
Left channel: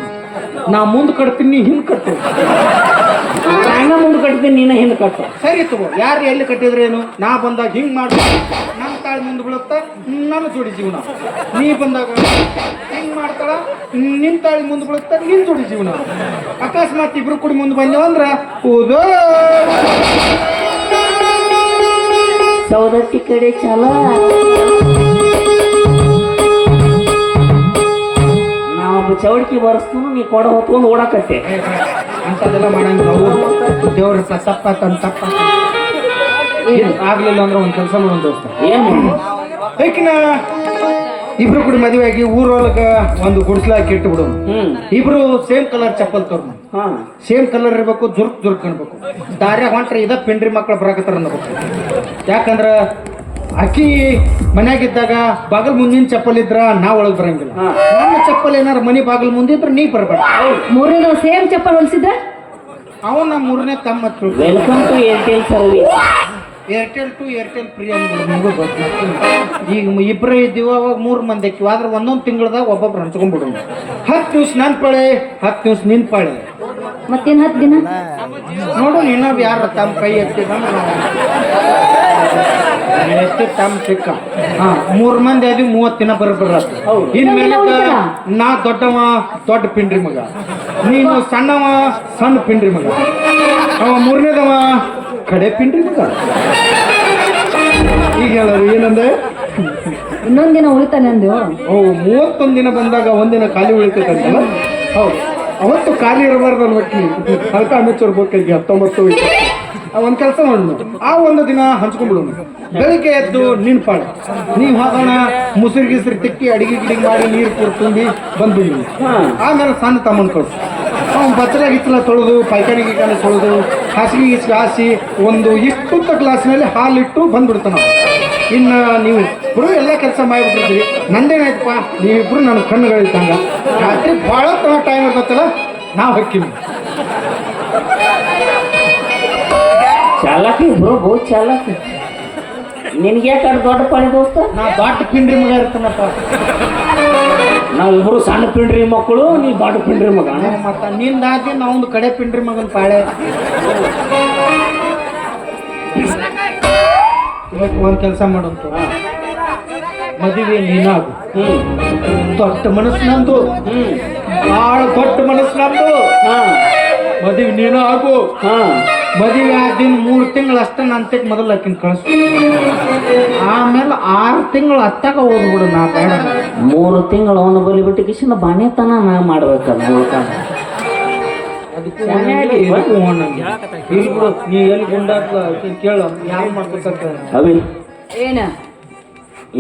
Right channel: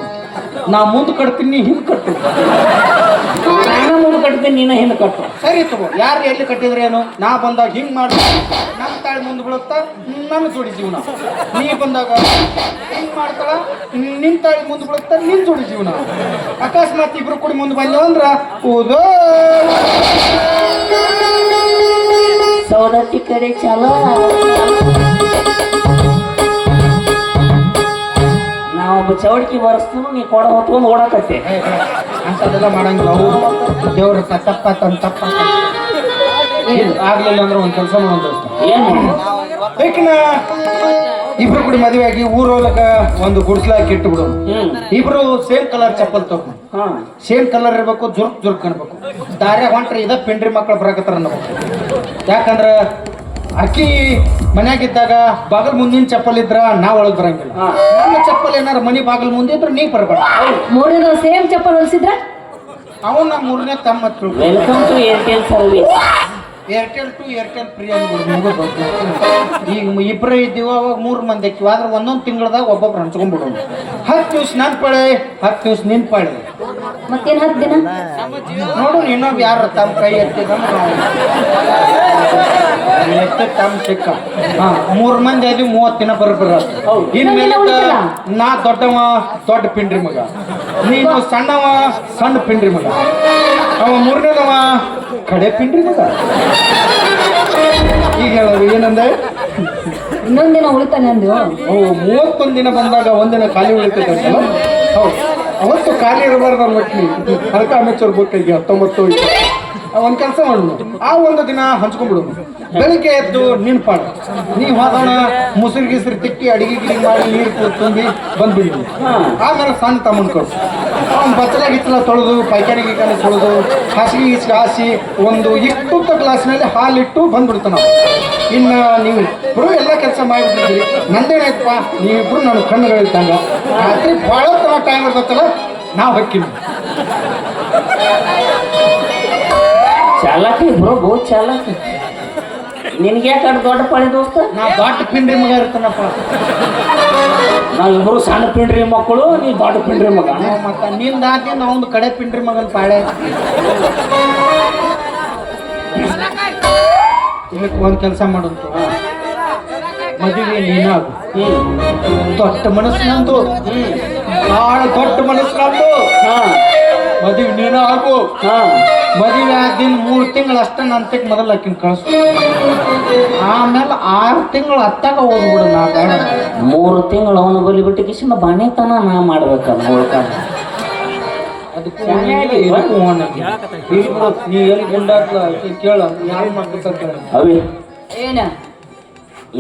ನಾ ಮುಂದೆ ಕಟ್ತೀನಿ ಹಿಂದೆ ಕಟ್ಟು ನಾನು ಮುಂದೆ ಕಟ್ತೀನಿ ನೀನು ಹಿಂದೆ ಕಟ್ಟು ಸರಿ ತಗೋ ಯಾರು ಎಲ್ಲಿ ಕಟ್ಟಿದ್ರೇನು ನಾ ಬಂದಾಗ ಹಿಂಗ್ ಮಾಡಿ ನಮ್ಮ ತಾಳಿ ಮುಂದೆ ಬೀಳುತ್ತಾ ನಮಗೆ ಜೋಡಿ ಜೀವನ ನೀ ಬಂದಾಗ ಹಿಂಗ್ ಮಾಡ್ತಾಳ ನಿನ್ ತಾಳಿ ಮುಂದೆ ಬೀಳುತ್ತಾ ನಿನ್ ಜೋಡಿ ಜೀವನ ಅಕಸ್ಮಾತ್ ಇಬ್ರು ಕುಡಿ ಮುಂದೆ ಬಂದ ಅಂದ್ರ ಹೌದ ಸೌದತ್ತಿ ಕಡೆ ಚಲೋ ನಾವೊಬ್ಬ ಚೌಡಿಕೆ ಬರ್ಸ್ತಾನು ನೀ ಕೊಡ ಹೊತ್ಕೊಂಡು ಓಡಾಕತ್ತೆ ಅಂತದೆಲ್ಲ ಮಾಡಂಗಿಲ್ಲ ಅವ್ರು ದೇವ್ರ ತಪ್ಪ ತಪ್ಪ ಆಗ್ಲಿಲ್ಲ ಅಂದ್ರೆ ಒಂದ್ ಕೆಲಸ ಮಾಡೋದು ದೋಸ್ತ ಏನು ಬೇಕಿನ ಇಬ್ರು ಕೂಡ ಮದುವೆ ಆಗಿ ಊರೊಳಗ ಒಂದು ಗುಡ್ಸ್ಲಾಕಿ ಇಟ್ಟು ಬಿಡೋದು ಇಬ್ರು ಸೇಮ್ ಕಲರ್ ಚಪ್ಪಲ್ ತಗೊಂಡು ಹಾಂ ಸೇಮ್ ಕಲರ್ ಇರ್ಬೇಕು ಜುರ್ಕ್ ಅನ್ಬೇಕು ದಾರ್ಯಾಗ ಹೊಂಟ್ರೆ ಇದ ಪೆಂಡ್ರಿ ಮಕ್ಕಳು ಬರಾಕತ್ತಾರ ಅನ್ನಬೇಕು ಯಾಕಂದ್ರ ಅಕ್ಕಿ ಮನ್ಯಾಗಿದ್ದಾಗ ಬಾಗಲ್ ಮುಂದಿನ ಚಪ್ಪಲ್ ಇದ್ರ ನಾ ಒಳಗ್ ಬರಂಗಿಲ್ಲ ನನ್ನ ಚಪ್ಪಲ್ ಏನಾರ ಮನಿ ಬಾಗಲ್ ಮುಂದಿದ್ರ ನೀ ಬರ್ಬೇಡ ಮೂರನೇ ಸೇಮ್ ಚಪ್ಪಲ್ ಹೊಲಿಸಿದ್ರೆ ಅವನ 3ನೇ ತಮ್ಮ ಹತ್ರ welcome to Airtel service Airtel to Airtel free ಅನ್ಬೋದು ನಿಮಗೂ ಗೊತ್ತಿತ್ತು ಈಗ ಇಬ್ಬರೇ ಇದ್ದೀವ ಅವಾಗ 3 ಮಂದಿ ಇಕ್ಕಿವಿ ಆದ್ರೆ ಒಂದೊಂದು ತಿಂಗಳದಾಗ ಒಬ್ಬೊಬ್ರು ಹಂಚ್ಕೊಂಡ್ಬಿಡೋಣ 10 ದಿವ್ಸ ನಾನು ಪಾಳೆ 10 ದಿವ್ಸ ನಿನ್ ಪಾಳೆ ಮತ್ತೇನ್ 10 ದಿನ ನೋಡು ಇನ್ನೊಬ್ಬ ಯಾರು ತಮ್ಮ ಕೈ ಎತ್ತಿದ್ರೆ ಎಷ್ಟು ಟೈಮ್ ಸಿಕ್ಕ ಹಾ 3 ಮಂದಿ ಅದು 30 ದಿನ ಬರೋಬ್ಬರ ಇನ್ಮೇಲೆ ನಾ ದೊಡ್ಡವ ದೊಡ್ಡ ಪಿಂಡ್ರಿ ಮಗ, ನೀನು ಸಣ್ಣವ ಸಣ್ಣ ಪಿಂಡ್ರಿ ಮಗ, ಅವ 3ನೇದವ ಕಡೆ ಪಿಂಡ್ರಿ ಮಗ. ಈಗ ಹೇಳೋದು ಏನಂದೆ? ಇನ್ನೊಂದ್ ದಿನ ಉಳಿತಾನೆ ಅಂದು. ಅವು 31 ದಿನ ಬಂದಾಗ ಒಂದಿನ ಖಾಲಿ ಉಳಿತೈತಂತಲ್ಲ. ಹೌದು, ಅವತ್ತು ಖಾಲಿ ಇರಬಾರ್ದು ಅನ್ಬಿಟ್ಟು ಅದಕ್ಕೆ ಅಮಿಚೂರ್ ಬುಕ್ಕಿಗೆ 19 ಒಂದು ಕೆಲಸ ಮಾಡೋದು, ಆ ಒಂದು ದಿನ ಹಂಚ್ಕೊಂಡ್ಬಿಡೋದು. ಬೆಳಿಗ್ಗೆ ಎದ್ದು ನಿನ್ ಪಾಡು ನೀ ಹೋಗೋಣ, ಮುಸುರು ಗಿಸ್ರಿ ತಿಕ್ಕಿ ಅಡಿಗೆ ಗಿಡಿಗೆ ಮಾಡಿ ನೀರು ತುಂಬಿ ಬಂದ್ಬಿಡಿ. ಆಮೇಲೆ ಸಣ್ಣ ತಮ್ಮನ ಕಳ್ಸು, ಅವ್ನು ಬಚ್ಚಲ ಗಿಚ್ಚಲ ತೊಳೆದು ಪೈಕಾರಿ ಗಿಕಾರಿ ತೊಳೆದು ಹಾಸಿಗೆ ಗೀಸಿಗೆ ಹಾಸಿ ಒಂದು ಇಷ್ಟು ಗ್ಲಾಸ್ನಲ್ಲಿ ಹಾಲಿಟ್ಟು ಬಂದ್ಬಿಡ್ತಾನೆ. ಇನ್ನು ನೀವು ಇಬ್ಬರು ಎಲ್ಲ ಕೆಲಸ ಮಾಡಿಬಿಟ್ಟಿದ್ರಿ, ನಂದೇನಾಯ್ತಪ್ಪ ನೀವಿಬ್ರು ನನ್ನ ಕಣ್ಣುಗಳಿದ್ದಂಗ ರಾತ್ರಿ ಭಾಳ ಟೈಮ್ ಇರ್ತೈತಲ್ಲ ನಾವು ಹೊಕ್ಕಿವಿ. ಚಾಲಾಕಿ ಬ್ರೋ, ಬಹು ಚಾಲಾಕಿ. ನಿನ್ಗೆ ಯಾಕೆ ದೊಡ್ಡ ಪಾಳಿ ದೋಸ್ತ? ನಾ ದೊಡ್ಡ ಪಿಂಡ್ರಿ ಮಗ ಇರ್ತಾನಪ್ಪ. ನಾವಿಬ್ರು ಸಣ್ಣ ಪಿಂಡ್ರಿ ಮಕ್ಕಳು, ನೀ ದೊಡ್ಡ ಪಿಂಡ್ರಿ ಮಗ. ಮತ್ತೆ ನಿಂದ ಆದಿ ನಾವೊಂದು ಕಡೆ ಪಿಂಡ್ರಿ ಮಗನ ಪಾಳೆ. ಒಂದು ಕೆಲಸ ಮಾಡೋದು, ಮದುವೆ ನೀನಾಗು. ದೊಡ್ಡ ಮನಸ್ಸು ನಂದು, ಭಾಳ ದೊಡ್ಡ ಮನಸ್ಸು ನಂದು. ಮದುವೆ ನೀನು ಆಗು. ಮದುವೆ ಆದಿನ 3 ತಿಂಗಳು ಅಷ್ಟೇ ನಂತಕ್ಕೆ ಮೊದಲು ಆಕಿನ ಕಳಿಸು. ಆಮೇಲೆ 6 ತಿಂಗಳು ಹತ್ತಾಗ ಹೋಗ್ಬಿಡು. ನಾ ಬೇಡ 3 ತಿಂಗಳು ಅವನು ಬಲಿ ಬಿಟ್ಟು ಕಿಶಿಂದ ಬಾಣೆತನ ನಾ ಮಾಡ್ಬೇಕಲ್ಲ ಹೋಗ್ಕ. ಅದಕ್ಕೆ ನೀ ಎಲ್ಲಿ ಗುಂಡಾಕ ಕೇಳು, ಯಾರು ಮಾಡ್ಬೇಕಂತ. ಅವಿ ಏನ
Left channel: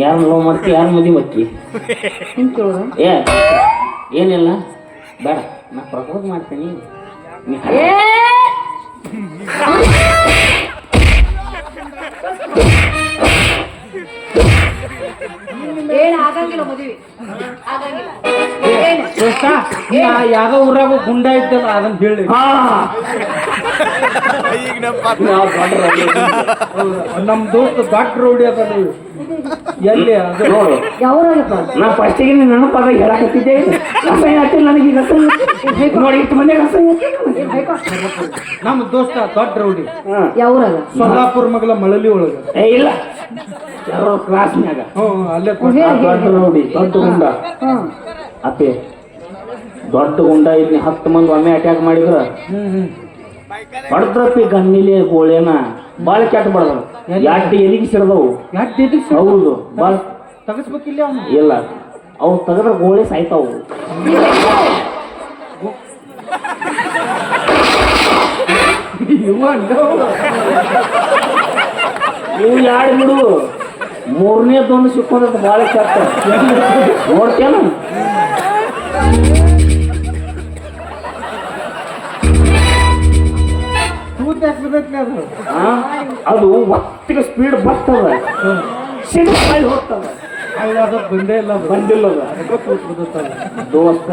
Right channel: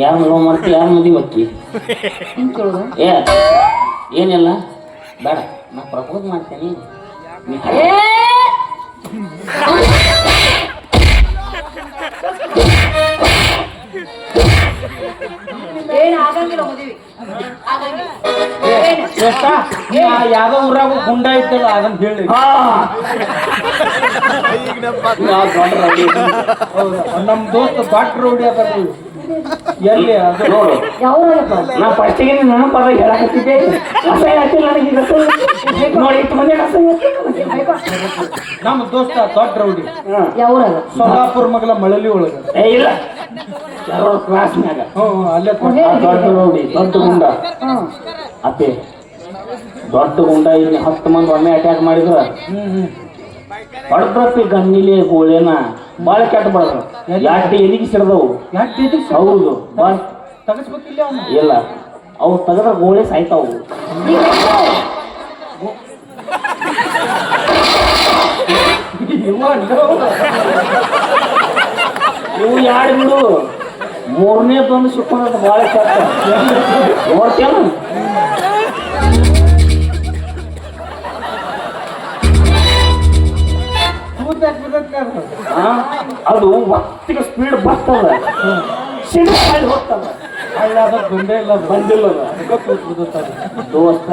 ಯಾರು ಲವ್ ಮಾಡ್ತಿ, ಯಾರು ಮದುವೆ ಮಕ್ಕಿ? ಹಿಂಗ್ ಕೇಳುದ? ಏನಿಲ್ಲ ಬೇಡ, ನಾ ಪ್ರಪೋಸ್ ಮಾಡ್ತೀನಿ. ಏನ್ ಆಗಂಗಿಲ್ಲ ಮದುವೆ, ಆಗಂಗಿಲ್ಲ. ಯಾವ ಊರಾಗ ಗುಂಡ ಇದ್ದಲ್ಲ ಅದನ್ನ ಹೇಳಿ. ನಮ್ ದೋಸ್ತ ಡಾಕ್ಟರ್ ಹೊಡಿ ಅದಲ್ಲ ಎಲ್ಲಿ ಅದು ನೋಡು. ಯಾವ್ದಾಗಪ್ಪ? ನಾ ಫಸ್ಟಿಗೆ ನನ್ನ ಪದ ಹೇಳಕತ್ತಿದ್ದೆ, ಅಸಹ್ಯ ಆಗ್ತಿಲ್ಲ ನನಗೆ. ನೋಡಿ ಇಷ್ಟು ಮಂದಿ ಅಸಹ್ಯ. ನಮ್ಮ ದೋಸ್ತ ದೊಡ್ಡ ರೌಡಿ, ಯಾವ್ರಾಗ? ಸೊಲ್ಲಾಪುರ ಮಗಲ ಮಳಲಿ ಒಳಗ. ಏ ಇಲ್ಲ, ಕ್ಲಾಸ್ನ್ಯಾಗ ಅಲ್ಲೇ ದೊಡ್ಡ ನೋಡಿ, ದೊಡ್ಡ ಗುಂಡ. ಅಪ್ಪೆ ದೊಡ್ಡ ಗುಂಡ ಇಲ್ಲಿ 10 ಮಂದಿ ಒಮ್ಮೆ ಅಟ್ಯಾಕ್ ಮಾಡಿದ್ರ ಹೊಡೆದಪ್ಪಿ ಗನ್ನಿಲೆ ಗೋಳೆನ ಬಾಳ ಕೆಟ್ಟ ಬಡದ. ಯಾಟಿ ಎಲಿಗೆ ಸಿಡ್ದವು. ಹೌದು, ಬಾಳ ತಗಸ್ಬೇಕಿಲ್ಲ. ಇಲ್ಲ, ಅವು ತೆಗೆದ ಗೋಳೆ ಸಾಯ್ತಾವು. ಇವು ಯಾರು ಬಿಡು, 3ನೇದೊಂದು ಶುಕ್ರವಾರ ಬಾಳ ಕೆಟ್ಟ ನೋಡ್ತೇನು. ಅದು ಒತ್ತಿಗೆ ಸ್ಪೀಡ್ ಬರ್ತದ, ಸಿಡಿಸಾಗಿ ಹೋಗ್ತದ. ಬಂದಿಲ್ಲ ದೋಸ್ತ,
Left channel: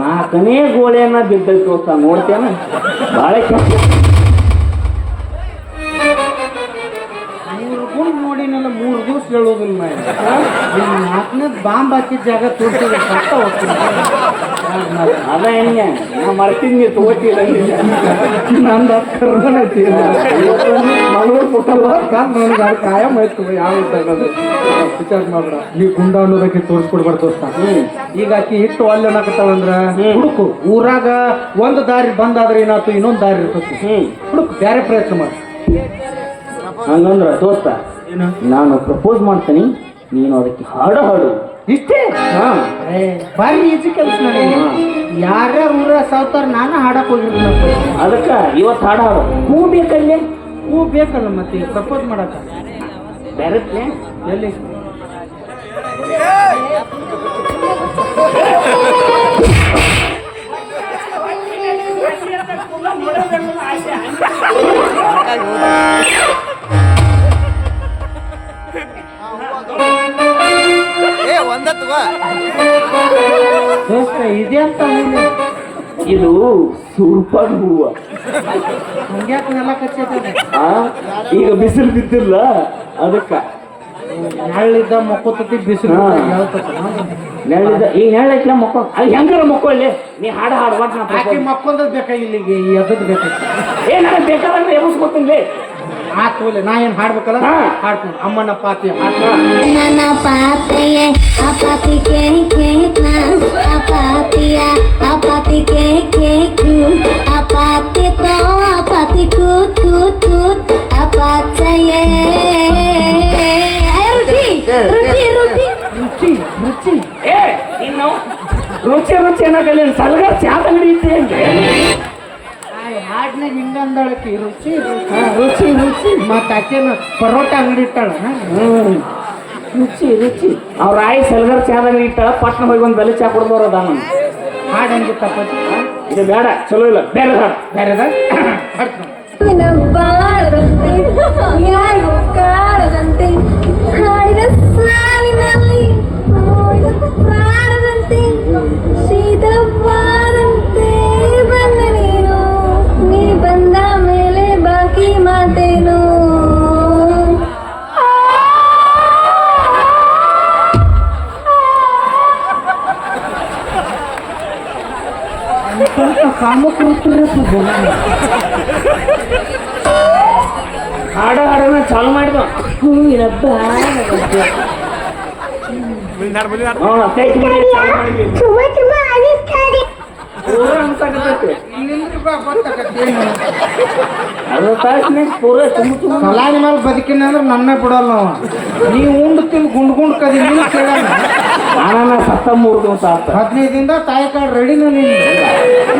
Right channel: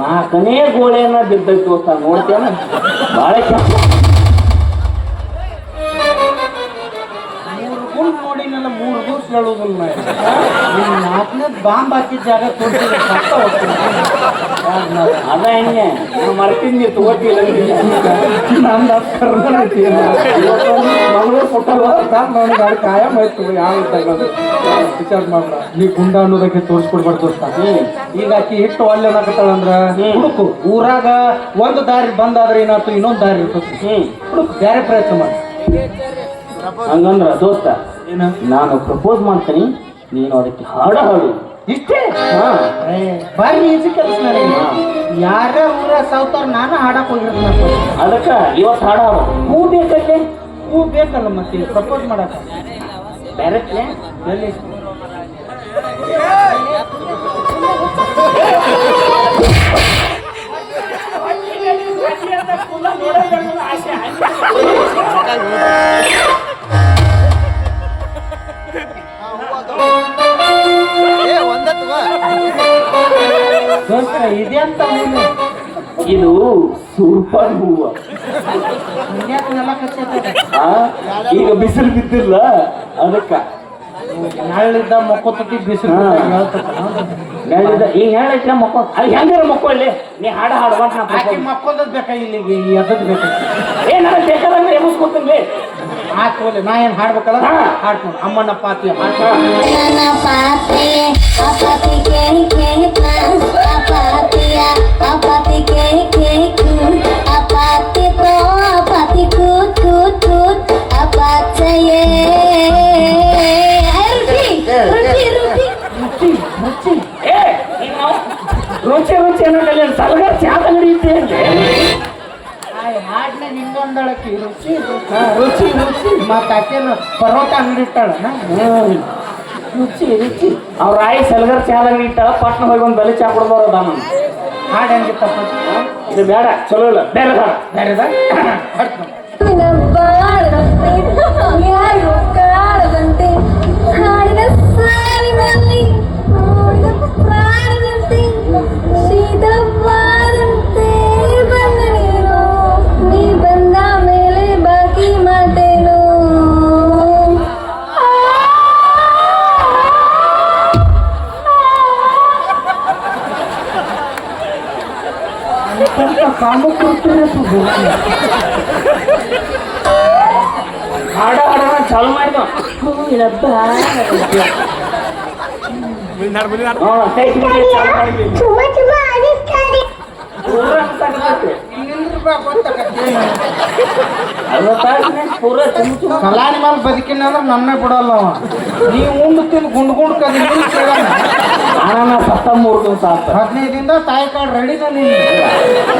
4ನೇ ಗೋಳೆಯನ್ನ ಬಿದ್ದೈತೆ ದೋಸ್ತ. ನೋಡ್ತೇನ ಬಾಳ ಕೆಟ್ಟ. ನೋಡಿನಲ್ಲ 3 ದಿವಸ ಹೇಳುದಿಲ್ಲ. 4ನೇ ಬಾಂಬ್ ಹಾಕಿದ ಜಾಗ ತೋರಿಸಿದ್ರೆ ಅದ ಹೆಂಗೆ ನಾನು ಮರ್ತೀನಿ, ನೀವು ತಗೋತಿಲ್ಲ. ನಂದು ಕಾಯಂ ಆಯ್ತದೆ. ಯಾವ ವಿಚಾರ ಮಾಡ್ರ ನೀವು ಗುಂಡ ಅನ್ನೋದಕ್ಕೆ ತೋರಿಸ್ಕೊಡ್ಬಾರ್ದು. ಈಗ ಆಕಿ ಹಿಟ್ಟು ಅಲ್ಲಿ ಅನ್ನಕತ್ತಂದ್ರ ಹುಡುಕು. ಊರಾಗ ಒಂದು ದಾರಿ ಬಂದಾದ್ರೆ ಏನಾಯ್ತು, ಇನ್ನೊಂದು ದಾರಿ ಇರ್ತದೆ. ಹುಡುಕು, ಬೇರೆ ಪ್ರಯತ್ನ ಮಾಡಿ. ಹಂಗಂದ್ರ ದೋಸ್ತ, ಏನ ನಾನು ಪ್ರಪೋಸ್ ಮಾಡ್ತೀನಿ, ನೀನು ಅದಕ್ಕೆ ಹಾಡು ಹಾಡು. ಇಷ್ಟೇ ಬಾರಿ ಈಜಿ ಕೆಲಸ. ಯಾರ ಊರ ಸಾವ್ತಾರ ನಾನು ಹಾಡಕ್ ಹೋಗಿರ್ತೀನಿ. ಅದಕ್ಕ ಇವತ್ತು ಹಾಡು ಹಾಡು. ಹೂ ಬೇಕಲ್ಲಿ, ಹೂ ಬೇಕಲ್ಲ ಮತ್ತೆ ಪ್ರಪೋಸ್ ಮಾಡಕ. ಬೇರೆ ಎಲ್ಲಿ ದೋಸ್ತ ಇದೆ ಅಂತ ಇದು ಸೂಪರ್ ಹೂವ. ಈಗ ಬಿಸಿಲು ಬಿದ್ದಿಲ್ಲ ಅದಕ್ಕ ನೆಳ್ಳಿದ್ದ ಮಕ್ಕೋತತಿ ಬಿಸಿಲು ನೆಳ್ಳಿದ್ದ ಈಗ ಹೇಳೈತಿ ಮಕ್ಕೋ ಅಲ್ಲಿ ಹೆಂಗಾರ ಮಕ್ಕೋ ಇಲ್ಲಿ ನೀ ಹಾಡು ಹಾಡುವ ಮಕ್ಕೋದ್ ಬೇಕಾಗಿಲ್ಲ. ಈಗ ಎದ್ದದ್ ಬೇಕಾಗಿ ಏನಾರ ಬೇಕಾದಂಗ ಎಬ್ಬಿಸ್ಕೊತೀನಿ. ಆತ್ಲಿ ನಾ ಏನ್ ಹಾಡ್ಬೇಕಲ್ಲ ಹಾಡ್ತೀನಿ ಅಮ್ಮನ ಪಾತಿ ನನ್ನ ಪಾತಿಯೇ ಅಪಾತಿ ಅಪಾತಿ ಅಪಾತಿ ಪ್ರೋ ಅಪಾತಿ ಕೂತ್ ಕೂತ್ ಕೂತ್ ಅಪಾಚಯೇ ರುಚಿ ರುಚಿ ರುಚಿ ರುಚಿ ರುಚಿ ಏ ನೀನು ರುಚಿ ರುಚಿ ಅನ್ನೋದಲ್ಲಿ ಸಲಗ ಚಾದ ನಡೆಯುತ್ತೆ ಅಂತೆ ಹಾಡ್ನ ನಿಂಗಂದಳಕ್ಕೆ ರುಚಿ ರುಚಿ ರುಚಿ ಮತ್ತೆ ಆಕೆನ ಪರೋಟ ಅಂಗಡಿ ಇಟ್ಟಾಳ ರುಚಿ ರುಚಿ ಅವ್ರ ಆಯಿ ಸಲಗರ್ ಚಾದಾಗ ಇಟ್ಟಾಳ ಪಟ್ನ ಹೋಗಿ ಒಂದು ಬೆಲೆ ಚಾ ಕೊಡ್ದವ್ರು ಅದಾನ ಹಾಡು ಹೆಂಗಿತ್ತಪ್ಪ ಇದು ಬೇಡ ಚಲೋ ಇಲ್ಲ ಬೇರೆ ಹಾಡು ಬೇರೆದ ಹಾಡ್ತೀನಿ ಬಾಳದಂತೆ ಯಾರು ಕಾಡದಂತೆ ಹಾಡಿದ ಸಾವಿನಲ್ಲಿ ಪ್ರಾಣದಂತೆ ಶೀತವಾದಂತೆ ಬಂದ ನೀನು ನೀ ಬಂದ ಮೇಲೆ ಬಾಕಿ ಮಾತೇನು ಹಾಡ ಹಾಡೋಣ ಚಾಲು ಮಾಡಿದ ಚಾಲು ಮಾಡಿದ್ವಿ ಪೂರ ಕಲಾರಿ ಮೇಲೆ ಬದುಕಿನ ನಮ್ಮೇ ಬಿಡಲ್ಲ ನಾವು ನೀವು ಉಂಡು ತಿಂದು ಗುಂಡ್ ಕದಿ ನಾ ಸತ್ತ 3 ದಿವಸ ಆತ 15 ದಿನದ ತಾಯಿ ಕಾರ್ಡ್ ರೆಡಿನ ನೀನು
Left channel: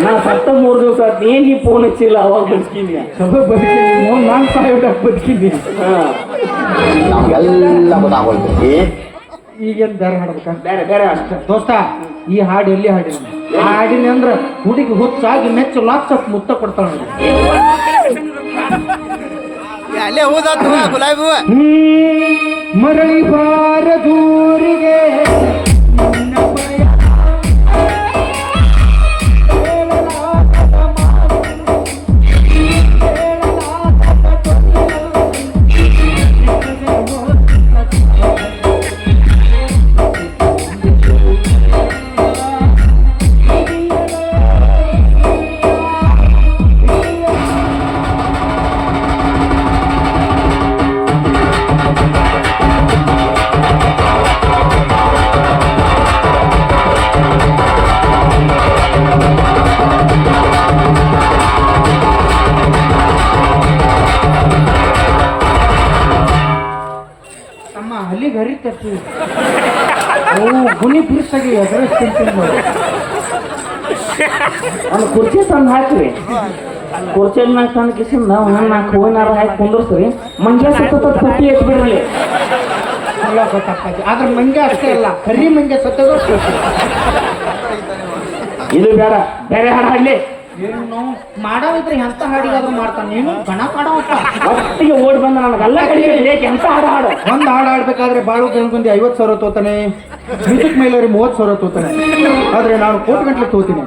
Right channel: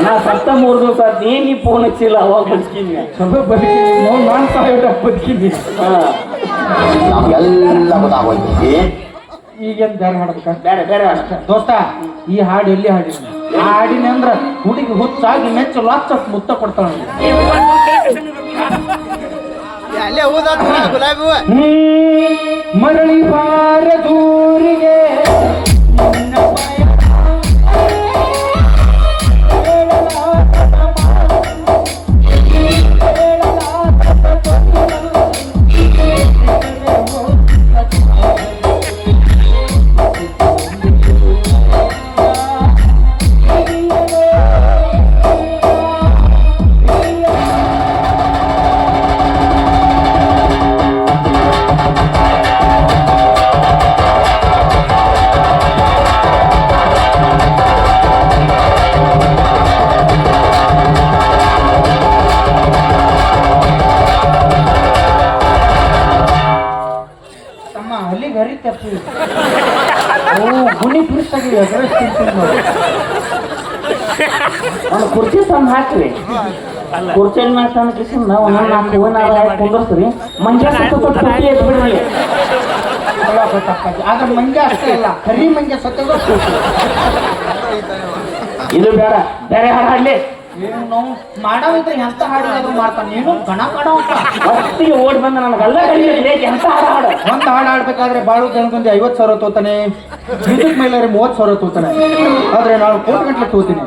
ನಾ ಸತ್ತ 3 ದಿವಸ ಆತ ಏನ್ ನೀ ಫೋನ್ ಹಚ್ಚಿಲ್ಲ ಅವಾಗ ಬದುಕಿನಿ ಸ್ವಲ್ಪ ಬದುಕಿನಿ ನಾನು ಸಾವಿರ ಬದುಕಿನಿ ಈಗೇನು ಬೇರೆ ಹಾಡ್ಬೇಕಾ ಬೇರೆ ಬೇರೆ ಅಷ್ಟ ದೋಸ್ತ ಈ ಹಾಡು ಎಲ್ಲಿ ಹಾಡಿನ ಹಾಡಿನ ಅಂದ್ರ ಹುಡುಗಿ ಹುಚ್ಚಾಗಿ ಮೆಚ್ಚ ಲಾಕ್ಸ್ ಮುತ್ತ ಕೊಡ್ತಾಳ ಮರಳಿ ಬಾರ ದೂರಿಗೆ ಅಲ್ಲಿಗೆ ಹರಿತಪ್ಪಿ ಗುಣಿ ಬಿಡಿಸಾಗಿ ಅಡ್ರೆಸ್ ತಿಂತೀನಿ ಅವ್ನು ಕುರ್ಚಿ ತಂದು ಹಾಕ್ರಿ ಕುರ್ಚಿ ಮ್ಯಾಗ ತಂದು ಕಿಸಿಂದ ನಾವು ನಾಲ್ಕು ಹೂವಿನ ಕುಂದರ್ಸ್ರಿ ಮಂಜ ಸತ್ತ ಪುಟ್ಟಿ ಎತ್ಬಿಡ್ರಿ ಆದ್ರೆ ಮಂಗೆ ಅಷ್ಟೇ ಅಲ್ಲ ಕರಿ ಮಂಗೆ ಸತ್ತೋಗ ಇದು ಬೇಡ ಬೇರೆ ಹಾಡು ಹಾಡ್ಲಿ ಏನು ನಾವು ಮಾಡೋದಿದ್ರೆ ಎಂತ ಹಾಡಿಗಾದ್ರೂ ಮಾಡ್ತಾನೆ ನೀನು ಗಣ ಮಾಡೋ ಒಟ್ಟಿಗೆ ಓಡಿ ಬಂದ ನನಗೆಲ್ಲ ಕಲಿಬೇಕು ಎಂತ ಹಾಡು ಹಾಡು ಒಂದು ಹಾಡು ಆಡ್ಬೇಕಾದ್ರೆ ಬಾಳು ಗಂಗೊಂದು 50,000 ತೋತಾನೆ ವಿದ್ಯುತ್ ಮೇಲೆ 30,000 ತೋತಾನೆ ಆದ್ರೆ ನಾನು ಕೋಟಿ ಗಂಟ್ಲೆ ತೋತೀನಿ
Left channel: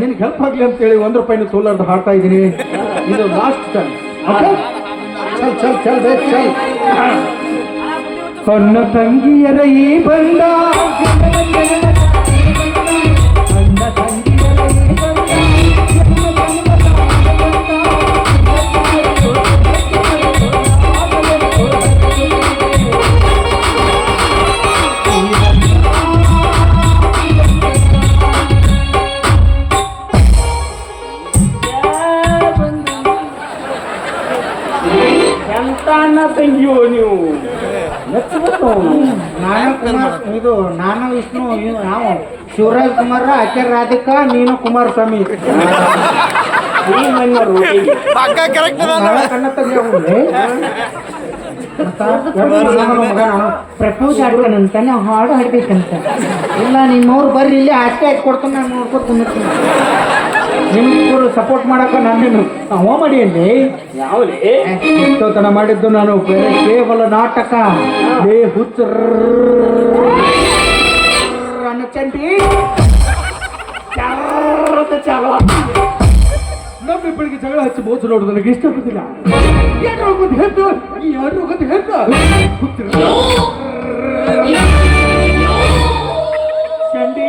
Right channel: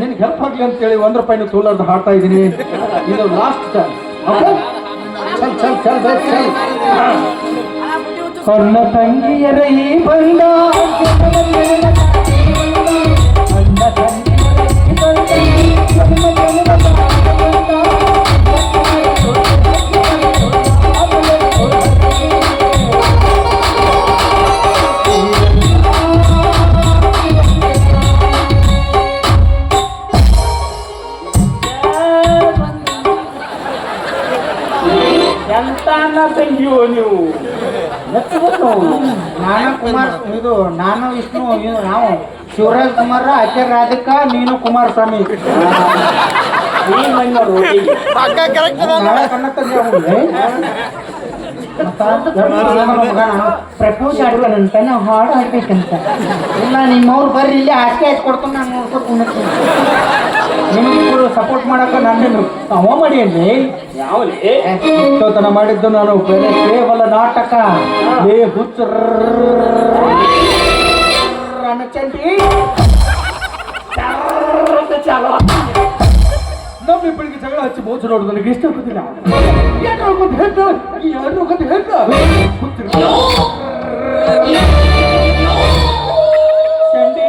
ನಿನ್ಗೆ ಹೆಲ್ಪ್ ಆಗ್ಲಿ ಅಂತೇಳಿ 1 ರೂಪಾಯಿ ತೋಲಾರ್ದು ಹಾಡ್ತಾ ಇದ್ದೀನಿ ಇದು ಲಾಸ್ಟ್ ಚಲ್ ಚಲ್ ಚಲ್ ಬೇಕು ಚಲ್ ಸಣ್ಣ ತಂಗಿಯರ ಈ ಬಂದ ಎಂತಾನ ತಂಗಿಯೋ ನೀವು ನಾನು ಕುಮಾರ್ ಇದು ನಾನು ವಿಷ್ಣು ನಾವು ಶಿವರಾಜ್ ಕುಮಾರ್ ಆಕೆ ರಾಧಿಕಾ ನೀನು ಕುಮಾರಸ್ವಾಮಿ ಪ್ರಪೋಸ್ ಆಡ್ತಾನಂತ ನಾವು ಹಾಡು ಹಾಡ್ಬೇಕಂತ ಇಲ್ಲ ನಿಮ್ಮವ್ರು ಬರ್ರಿ ಇಲ್ಲಿ ಆಸೆ ಹಾಕಿ ಕೊಡ್ತೀನಿ ನಾನು ನೋಡ್ಕೊತೀನಿ ನಿಮ್ಗಿಬ್ಬರು ಸಪೋರ್ಟ್ ಮಾಡಕ್ಕೆ ನಾನೇನು ಅವ ಮಾಡಿ ಅಲ್ಲಿ ಯಾವ್ಲಿ ಇಷ್ಟೋತನ ಮಾಡಿದ್ದು ನಾನು ಬೇರೆ ಕೇವಲ ನಾಟಕ ಏ ಹುಚ್ಚ ಚಂಡಿ ಚಾಲು ನಮ್ಮಿಬ್ಬರಿಗೆ ಜಗಳ ಹಚ್ಚಿ ಮೋಸ ನೋಡುದು ನನಗೆ ಇಷ್ಟಪಟ್ಟಿಲ್ಲ ಯಾರು ಚಂಡಿ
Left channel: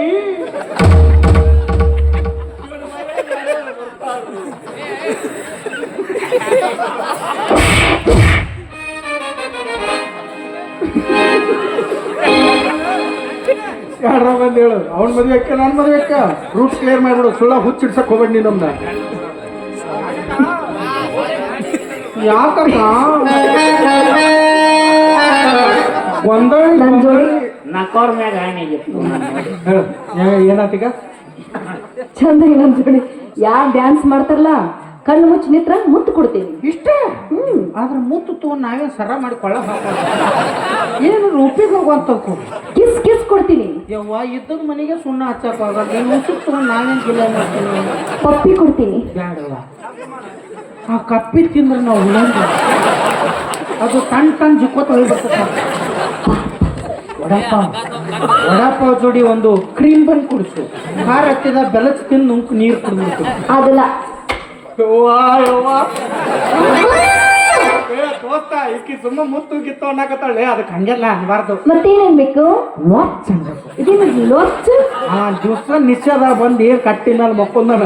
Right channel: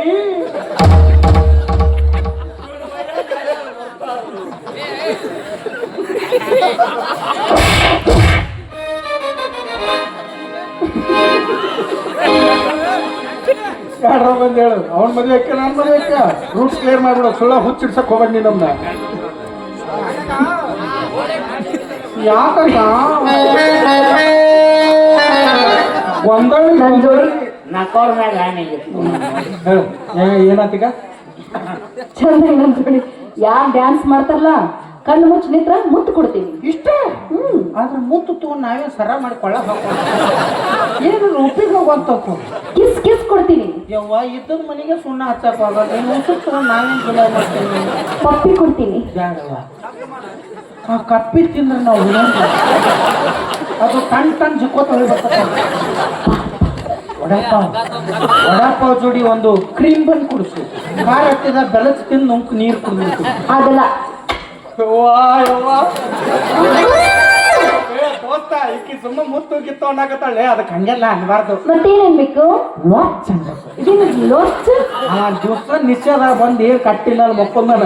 ಯಾರು ಬಂದು ಹೇಳು ಅವ್ನ ಮದುವೆ ಅಕ್ಕ ನಾನು ಮದುವೆ ಅಕ್ಕ ರೂಟ್ ಕ್ಲಿಯರ್ ಮಾಡ್ಬಿಡು ಸುಳ್ಳು ಹುಚ್ಚಿಡ್ಸಕ್ ಹೋಗ್ಬೇಡ ನೀನೊಂದ ಯಾಕಲ್ಲ ನನ್ ಜೋಡಿ ನಕ್ಕವ್ರ ಮ್ಯಾಗ ಆಣಿಗೆ ಏನಾತೀಗ ಚಂದ ನಮ್ ಜೋಡಿ ಯಾರ್ ಡ್ಯಾನ್ಸ್ ಮಾಡ್ತಾರಲ್ಲ ಕಣ್ಣು ಮುಚ್ಚಿ ನಿತ್ರ ಮುತ್ತು ಕೊಡ್ತೀನಿ ಇಷ್ಟೇ ಆದ್ರೆ ಮುತ್ತು ತಗೊಂಡು ನಾವೇ ಸರ ಮಾಡಿಕೊಳ್ಳ ಏನು ಉಪ್ಪಿಗೆ ಹೋಗುವಂತಕ್ಕು ಕಿಸ್ ಕಿಸ್ ಕೊಡ್ತೀನಿ ಯವ್ವ ಇದ್ದದ ಮನೆಗೆ ಸುಣ್ಣ ಹಚ್ಚಕ್ ಹೋಗಲ್ಲ ನೀನು ಸುತ್ತ ನಾವೇನು ಗಿಲ ಮಾಡ್ತೀವಿ ಪಪ್ಪಿ ಕೊಡ್ತೀನಿ ಬೇಡವ ಆ ಕಪ್ಪಿ ತಿಂದ್ರೆ ನಾವು ಇನ್ನೊಂದು ಅದು ಟನ್ ಜಿಕ್ಕೋತ ಹೋಗ್ಬರ್ತಕ್ಕ ವಡಾಪಾವ್ ಜೋಡಿ ಒಂದು ಕ್ರೀಮ್ ಬನ್ ಕುಡಿಸು ಖಾರ ಹತ್ತಿದ ಬೆಲಚ್ ತಿಂದು ನುಂಕು ನೀರು ಕುಡಿದ್ಬಿಟ್ಟು ಅದಲ್ಲ ಈಕಿ ಸುಮ್ಮ ಮುತ್ತು ಗಿತ್ತು ಅನ್ನಕತ್ತಾಳೆ ಅದಕ್ಕೆ ಹಂಗೆಲ್ಲ ಅನ್ಬಾರ್ದು ಮತ್ತೇನೇನ್ ಬೇಕು ಇದೇನು ಲೊಚ್ಚ ಆ ದಿವಸ ನಿಶ್ಚಯದ ಬಂದು ಕಟ್ಟಿನ ಮಕ್ಕೊಂದಣ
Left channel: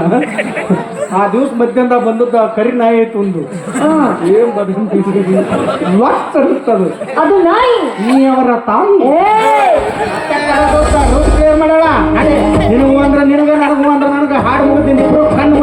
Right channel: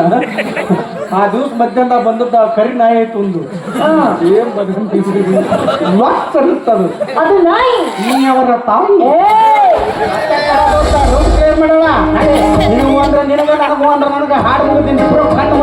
ಆ ದಿವ್ಸ ಮಧ್ಯಾಹ್ನ ಬಂದದ್ದ ಕರಿ ನಾಯಿ ತುಂದು ಏನ್ ಬದುಕದು ಅದು ನಾಯಿ ನೀ ಅವರ ತಾಯಿ ಮಾಡೋಣ ನೀನು ಅಂದ್ರೆ ನಿನಗ ನನಗೆ ಹಾಡು ಮುಗಿದೀನಿ ಇಬ್ರು ಕಣ್ಣು